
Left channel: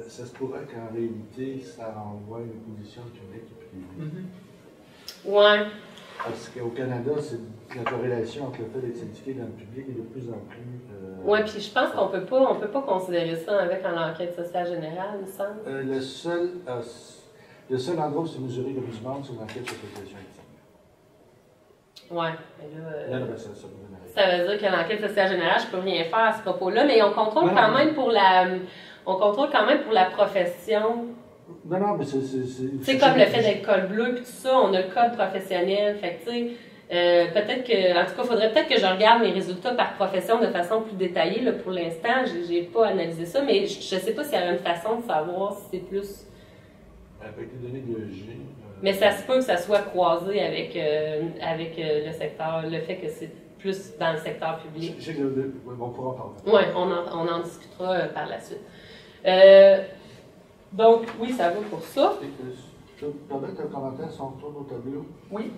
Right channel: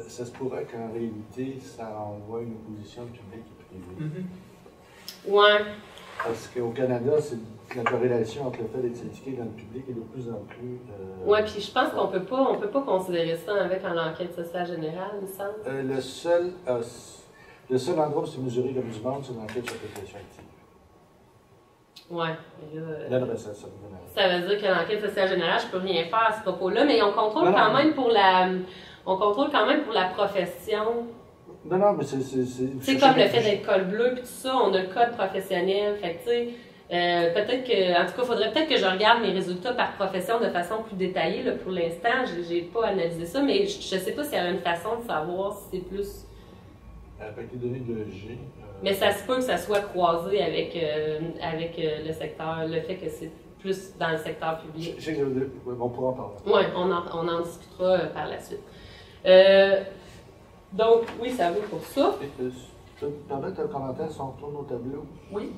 Ça se pourrait qu'en réalité, ça envoie une position publique et privée. Ouais. Parce qu'au Canada, la corrélation entre le fait d'être syndiqué dans le public est de plus en plus... Oui, puis je pense qu'on peut pas considérer ça avec l'enquête sociale générale, il me semble. Le seul endroit où c'est mesuré comme du monde, c'est dans l'enquête sur la population active. Oui, mais là... Ça veut dire que l'enquête sociale générale, je peux rien faire à ce propos-là, mais on contrôle quand même pour la profession. Non, mais c'est comme le fait d'être col bleu puis tout ça, on a le code professionnel, fait que tu sais, peut-être que, en tout cas, il faudrait peut-être que je regarde mes résultats par profession de façon plus détaillée, là, pour l'instant, j'ai pas analysé ça, mais je sais pas s'il y a une façon de savoir si c'est plus... Avec les données de l'EG... Mais ça se peut que ça soit croisé avec le secteur, le fait que c'est plus dans le secteur public. On pourra en parler. Oui, on en discutera par la suite. Donc, oui, ça vaut pour ça. Je peux me permettre un commentaire si on tourne au tableau? Oui.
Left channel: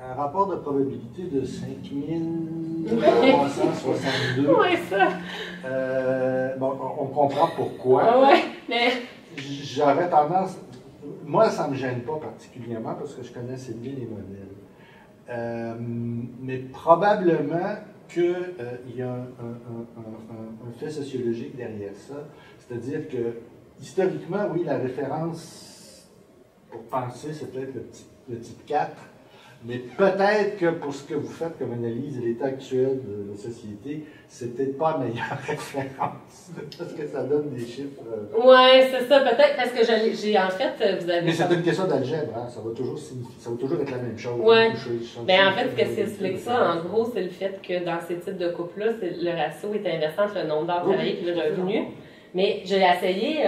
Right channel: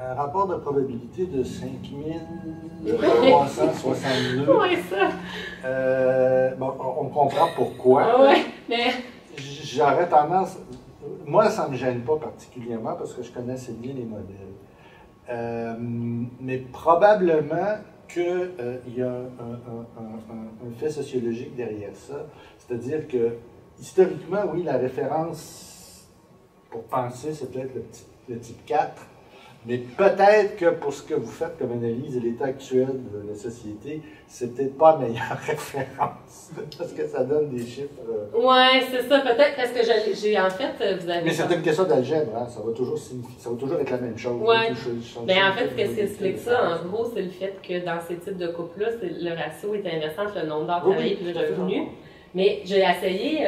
Un rapport de probabilité de 5362. Oui, ça. Bon, on comprend pourquoi. Ah ouais, mais... J'aurais tendance... Moi, ça ne me gêne pas particulièrement parce que je connais assez bien les modèles. Mais probablement qu'il y a un fait sociologique derrière ça. C'est-à-dire que, historiquement, oui, la référence pour penser, c'est peut-être le type 4, mais peut-être que pour ce que vous faites comme analyse de l'état actuel de la société, c'est peut-être pas la meilleure référence, parce que ça donne des chiffres... Oui, c'est ça, peut-être, parce que j'ai en fait, vous avez... Mais c'est une question d'algèbre, hein? Ça va toujours être la même chose. Oui, bien en fait, ce que explique ça, en gros, c'est le fait que dans ces types de couples-là, le ratio est inversant entre le nombre d'heures travaillées et le revenu. Mais j'ai essayé,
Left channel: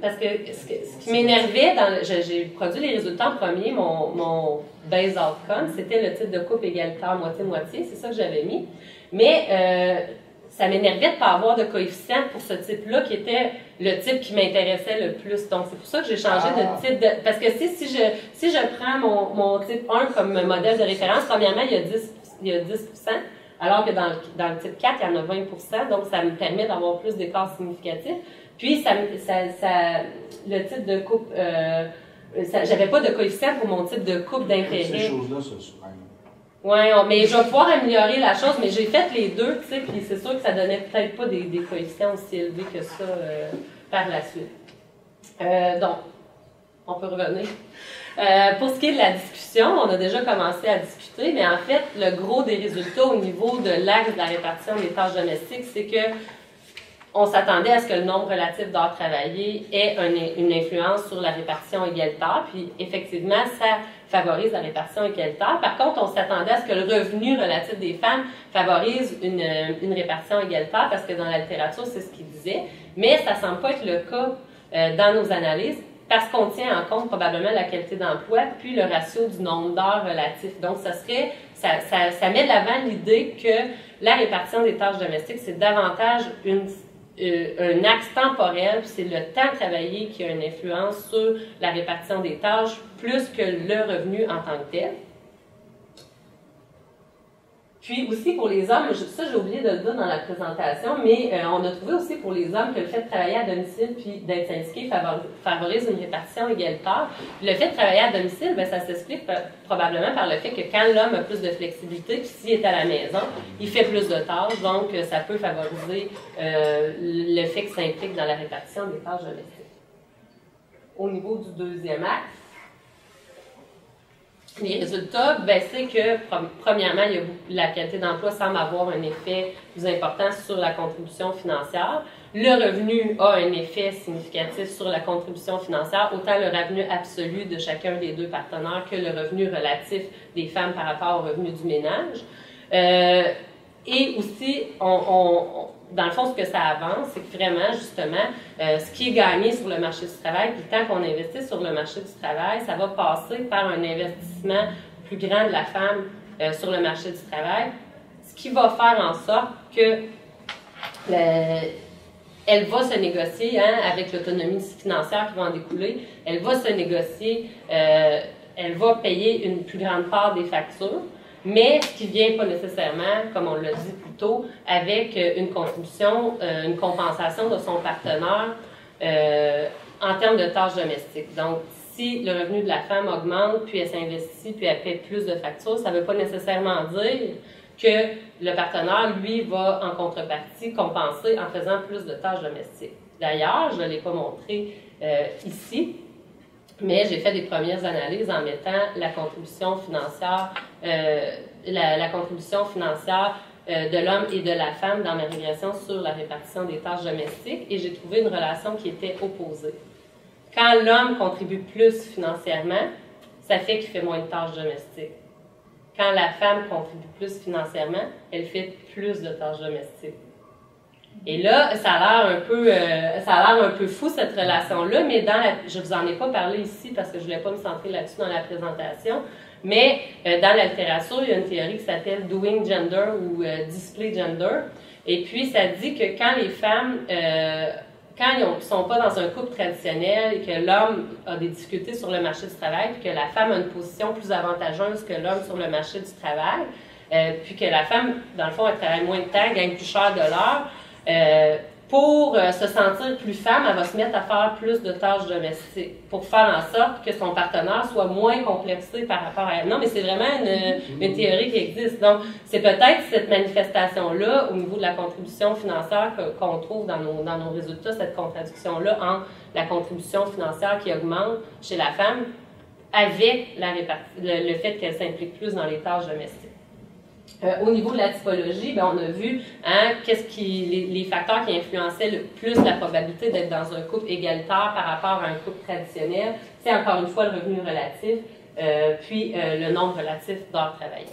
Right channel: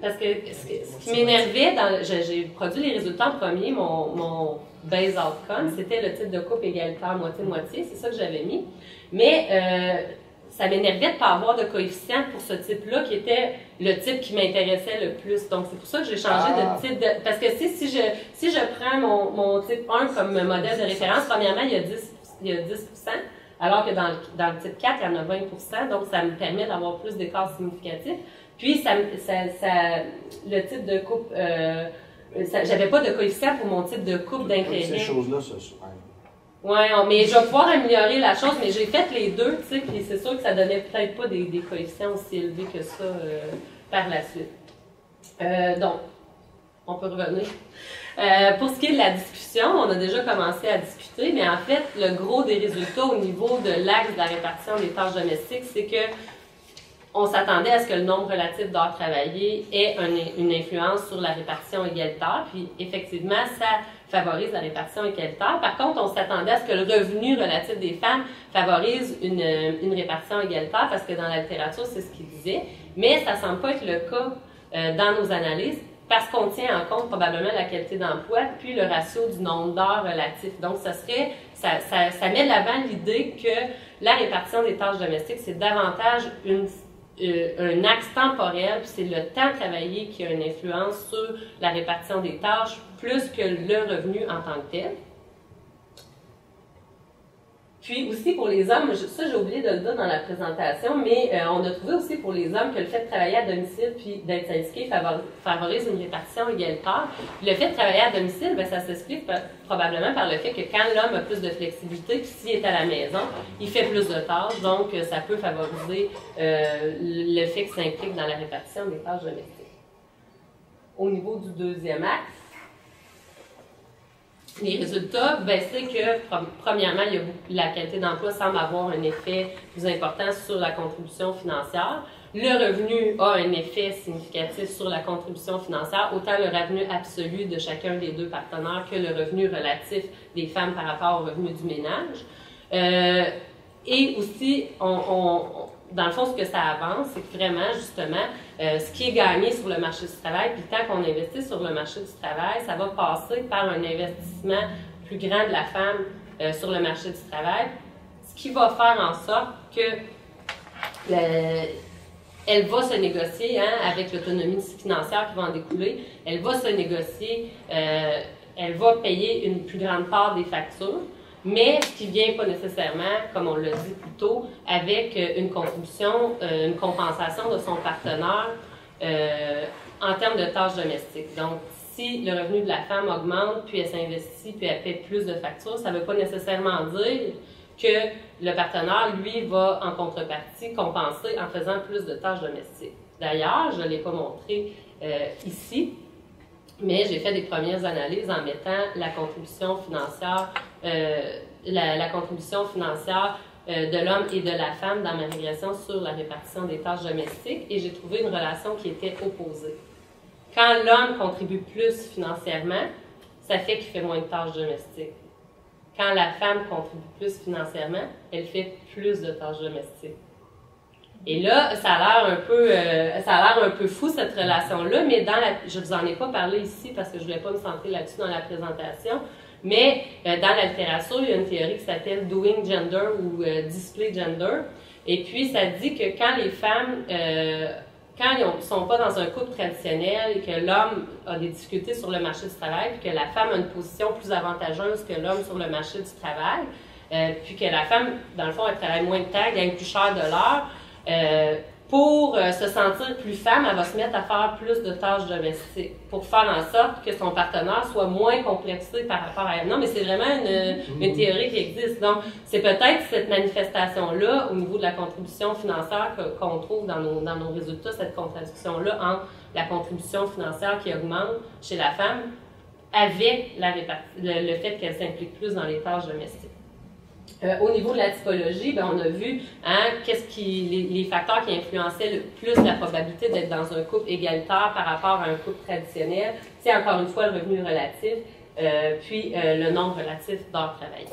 parce que ce qui m'énervait, j'ai produit les résultats en premier, mon base outcome, c'était le type de couple égalitaire moitié-moitié, c'est ça que j'avais mis. Mais ça m'énervait de ne pas avoir de coefficient pour ce type-là, qui était le type qui m'intéressait le plus. Donc, c'est pour ça que j'ai changé de type de... Parce que si je prends mon type 1 comme modèle de référence, premièrement, il y a 10%. Alors que dans le type 4, il y en a 20 donc ça me permet d'avoir plus d'écarts significatifs. Puis, le type de couple, j'avais pas de coefficient pour mon type de couple d'intérêt. Ces choses-là, ça se prennent. Oui, mais je vais pouvoir améliorer la chose, mais j'ai fait les deux, tu sais, puis c'est sûr que ça donnait peut-être pas des coefficients aussi élevés que ça par la suite. Donc, on peut revenir. Pour ce qui est de la discussion, on a déjà commencé à discuter, mais en fait, le gros des résultats au niveau de l'axe de la répartition des tâches domestiques, c'est que on s'attendait à ce que le nombre relatif d'heures travaillées ait une influence sur la répartition égalitaire, puis effectivement, ça favorise la répartition égalitaire. Par contre, on s'attendait à ce que le revenu relatif des femmes favorise une répartition égalitaire, parce que dans la littérature, c'est ce qu'il disait, mais ça ne semble pas être le cas dans nos analyses, parce qu'on tient en compte probablement la qualité d'emploi, puis le ratio du nombre d'heures relatif. Donc, ça met de l'avant l'idée que la répartition des tâches domestiques, c'est davantage un axe temporel, puis c'est le temps travaillé qui a une influence sur la répartition des tâches, plus que le revenu en tant que tel. Puis aussi pour les hommes, ça j'ai oublié de le dire dans la présentation, mais on a trouvé aussi pour les hommes que le fait de travailler à domicile puis d'être syndiqué favorise une répartition égalitaire. Puis le fait de travailler à domicile, bien, ça s'explique probablement par le fait que quand l'homme a plus de flexibilité, puis s'il est à la maison, il fait plus de tâches, donc ça peut favoriser le fait que ça implique dans la répartition des tâches domestiques. Au niveau du deuxième axe, les résultats, ben, c'est que, premièrement, la qualité d'emploi semble avoir un effet plus important sur la contribution financière. Le revenu a un effet significatif sur la contribution financière, autant le revenu absolu de chacun des deux partenaires que le revenu relatif des femmes par rapport au revenu du ménage. Et aussi, dans le fond, ce que ça avance, c'est que vraiment, justement, ce qui est gagné sur le marché du travail, puis tant qu'on investit sur le marché du travail, ça va passer par un investissement plus grand de la femme sur le marché du travail, ce qui va faire en sorte que elle va se négocier, avec l'autonomie financière qui va en découler, elle va se négocier, elle va payer une plus grande part des factures, mais ce qui ne vient pas nécessairement, comme on l'a dit plus tôt, avec une contribution, une compensation de son partenaire en termes de tâches domestiques. Donc, si le revenu de la femme augmente, puis elle s'investit, puis elle paie plus de factures, ça ne veut pas nécessairement dire que le partenaire, lui, va en contrepartie compenser en faisant plus de tâches domestiques. D'ailleurs, je ne l'ai pas montré ici, mais j'ai fait des premières analyses en mettant la contribution financière, la contribution financière de l'homme et de la femme dans ma régression sur la répartition des tâches domestiques, et j'ai trouvé une relation qui était opposée. Quand l'homme contribue plus financièrement, ça fait qu'il fait moins de tâches domestiques. Quand la femme contribue plus financièrement, elle fait plus de tâches domestiques. Et là, ça a l'air un peu fou, cette relation-là, mais je ne vous en ai pas parlé ici parce que je ne voulais pas me centrer là-dessus dans la présentation, mais dans la littérature, il y a une théorie qui s'appelle Doing Gender ou Display Gender. Et puis, ça dit que quand les femmes, quand ils ne sont pas dans un couple traditionnel et que l'homme a des difficultés sur le marché du travail, puis que la femme a une position plus avantageuse que l'homme sur le marché du travail, puis que la femme, dans le fond, elle travaille moins de temps, gagne plus cher de l'heure, pour se sentir plus femme, elle va se mettre à faire plus de tâches domestiques pour faire en sorte que son partenaire soit moins complexé par rapport à elle. Non, mais c'est vraiment une théorie qui existe. Donc, c'est peut-être cette manifestation-là, au niveau de la contribution financière qu'on trouve dans nos résultats, cette contradiction-là entre la contribution financière qui augmente chez la femme avec le fait qu'elle s'implique plus dans les tâches domestiques. Au niveau de la typologie, ben, on a vu les facteurs qui influençaient le plus la probabilité d'être dans un couple égalitaire par rapport à un couple traditionnel. C'est encore une fois le revenu relatif, puis le nombre relatif d'heures travaillées.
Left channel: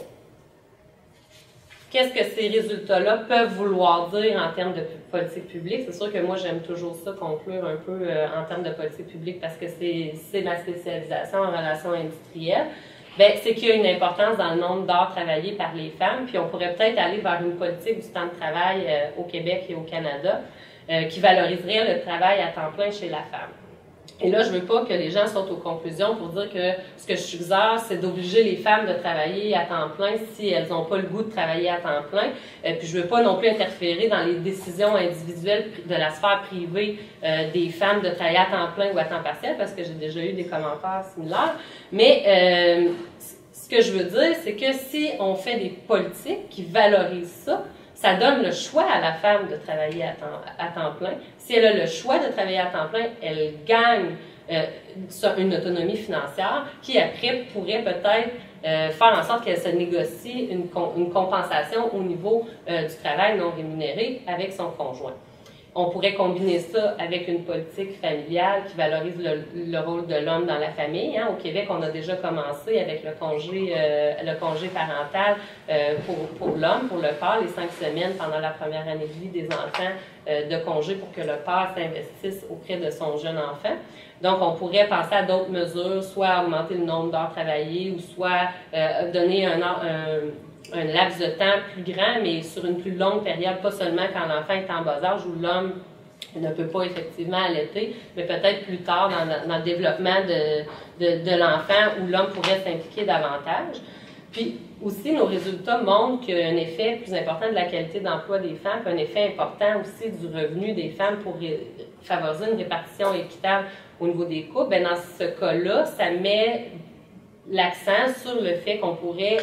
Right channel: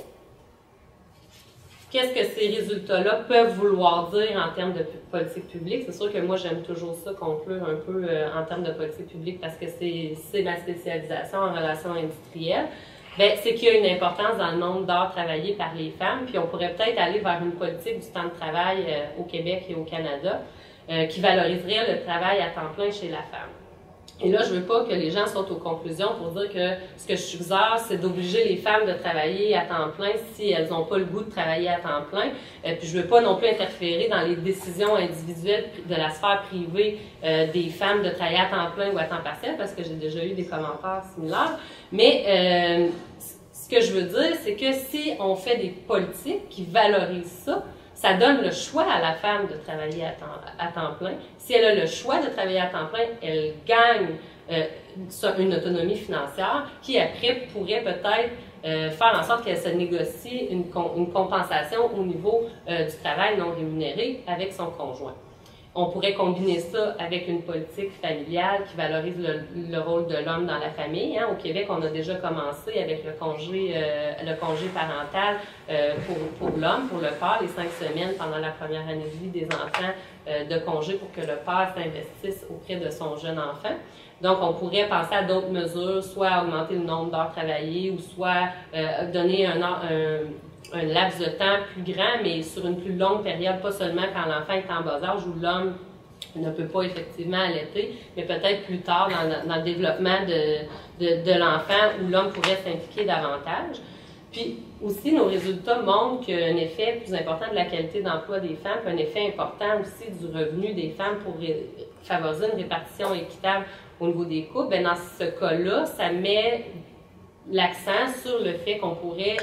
Qu'est-ce que ces résultats-là peuvent vouloir dire en termes de politique publique? C'est sûr que moi, j'aime toujours ça, conclure un peu en termes de politique publique parce que c'est ma spécialisation en relations industrielles. Bien, c'est qu'il y a une importance dans le nombre d'heures travaillées par les femmes, puis on pourrait peut-être aller vers une politique du temps de travail au Québec et au Canada qui valoriserait le travail à temps plein chez la femme. Et là, je veux pas que les gens sautent aux conclusions pour dire que ce que je suggère, c'est d'obliger les femmes de travailler à temps plein si elles n'ont pas le goût de travailler à temps plein. Puis je veux pas non plus interférer dans les décisions individuelles de la sphère privée des femmes de travailler à temps plein ou à temps partiel, parce que j'ai déjà eu des commentaires similaires. Mais ce que je veux dire, c'est que si on fait des politiques qui valorisent ça, ça donne le choix à la femme de travailler à temps plein. Si elle a le choix de travailler à temps plein, elle gagne une autonomie financière qui, après, pourrait peut-être faire en sorte qu'elle se négocie une compensation au niveau du travail non rémunéré avec son conjoint. On pourrait combiner ça avec une politique familiale qui valorise le rôle de l'homme dans la famille. Hein. Au Québec, on a déjà commencé avec le congé parental pour l'homme, pour le père, les 5 semaines pendant la première année de vie des enfants de congé pour que le père s'investisse auprès de son jeune enfant. Donc, on pourrait penser à d'autres mesures, soit augmenter le nombre d'heures travaillées ou soit donner un laps de temps plus grand, mais sur une plus longue période, pas seulement quand l'enfant est en bas âge où l'homme ne peut pas effectivement allaiter, mais peut-être plus tard dans le développement de l'enfant où l'homme pourrait s'impliquer davantage. Puis aussi, nos résultats montrent qu'un effet plus important de la qualité d'emploi des femmes, puis un effet important aussi du revenu des femmes pour favoriser une répartition équitable au niveau des couples, bien, dans ce cas-là, ça met l'accent sur le fait qu'on pourrait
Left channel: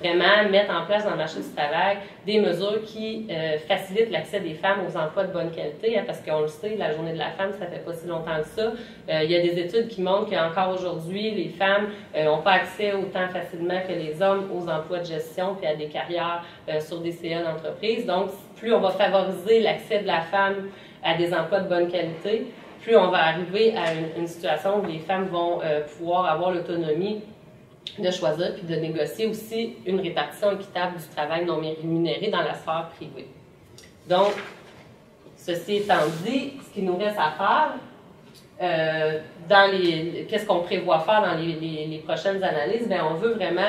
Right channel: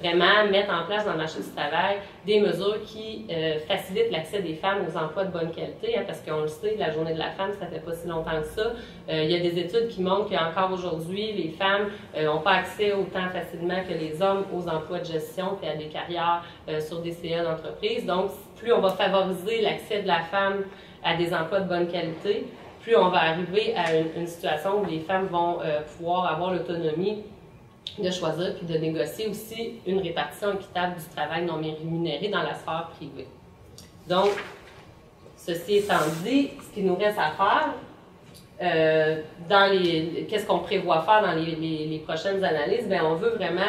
vraiment mettre en place dans le marché du travail des mesures qui facilitent l'accès des femmes aux emplois de bonne qualité, hein, parce qu'on le sait, la journée de la femme, ça fait pas si longtemps que ça. Il y a des études qui montrent qu'encore aujourd'hui, les femmes n'ont pas accès autant facilement que les hommes aux emplois de gestion puis à des carrières sur des CA d'entreprise. Donc, plus on va favoriser l'accès de la femme à des emplois de bonne qualité, plus on va arriver à une situation où les femmes vont pouvoir avoir l'autonomie de choisir puis de négocier aussi une répartition équitable du travail non rémunéré dans la sphère privée. Donc, ceci étant dit, ce qu'il nous reste à faire, qu'est-ce qu'on prévoit faire dans les prochaines analyses? Bien, on veut vraiment,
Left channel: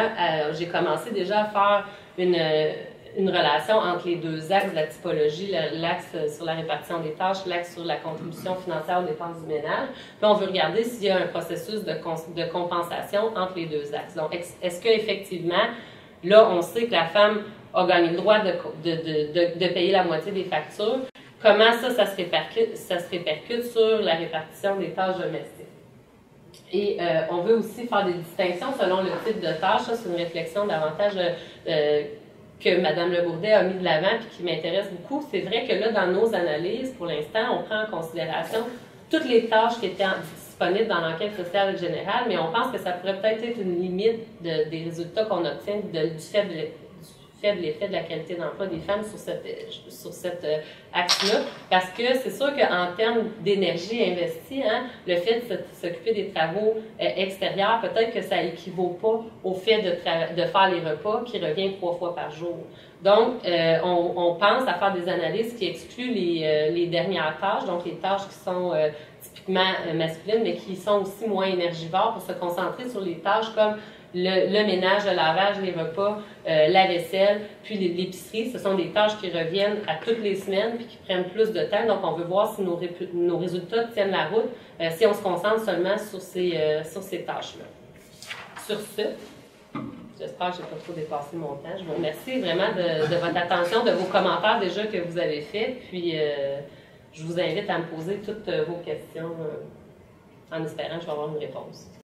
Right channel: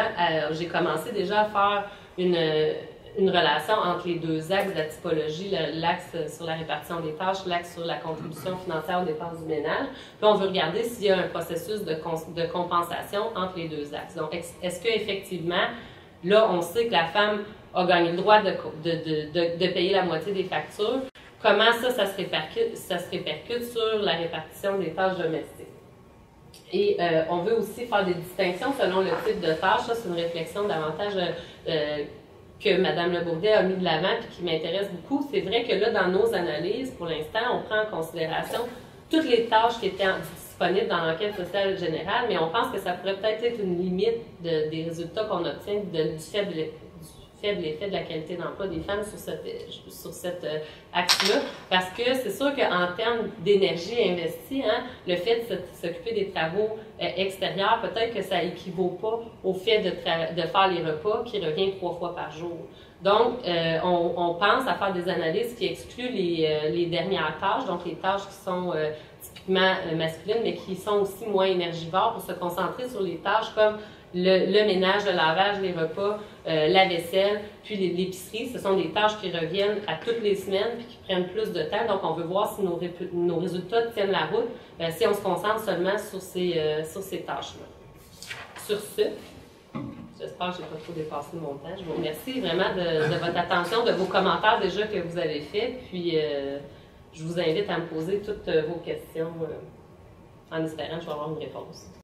j'ai commencé déjà à faire une relation entre les deux axes de la typologie, l'axe sur la répartition des tâches, l'axe sur la contribution financière aux dépenses du ménage. Puis on veut regarder s'il y a un processus de compensation entre les deux axes. Donc, est-ce qu'effectivement, là, on sait que la femme a gagné le droit de payer la moitié des factures? Comment ça se répercute sur la répartition des tâches domestiques? Et on veut aussi faire des distinctions selon le type de tâche. Ça, c'est une réflexion davantage que Mme Le Bourdet a mis de l'avant et qui m'intéresse beaucoup. C'est vrai que là, dans nos analyses, pour l'instant, on prend en considération toutes les tâches qui étaient disponibles dans l'enquête sociale générale, mais on pense que ça pourrait peut-être être une limite des résultats qu'on obtient du faible effet de la qualité d'emploi des femmes sur cet axe-là, parce que c'est sûr qu'en termes d'énergie investie, hein, le fait de s'occuper des travaux extérieurs, peut-être que ça équivaut pas au fait de faire les repas qui revient 3 fois par jour. Donc, on pense à faire des analyses qui excluent les dernières tâches, donc les tâches qui sont typiquement masculines, mais qui sont aussi moins énergivores pour se concentrer sur les tâches comme le ménage, le lavage, les repas, la vaisselle, puis l'épicerie. Ce sont des tâches qui reviennent à toutes les semaines puis qui prennent plus de temps. Donc, on veut voir si nos résultats tiennent la route si on se concentre seulement sur ces tâches-là. Sur ce, j'espère que je n'ai pas trop dépassé mon temps. Je vous remercie vraiment de votre attention, de vos commentaires déjà que vous avez faits. Puis, je vous invite à me poser toutes vos questions en espérant que je vais avoir une réponse.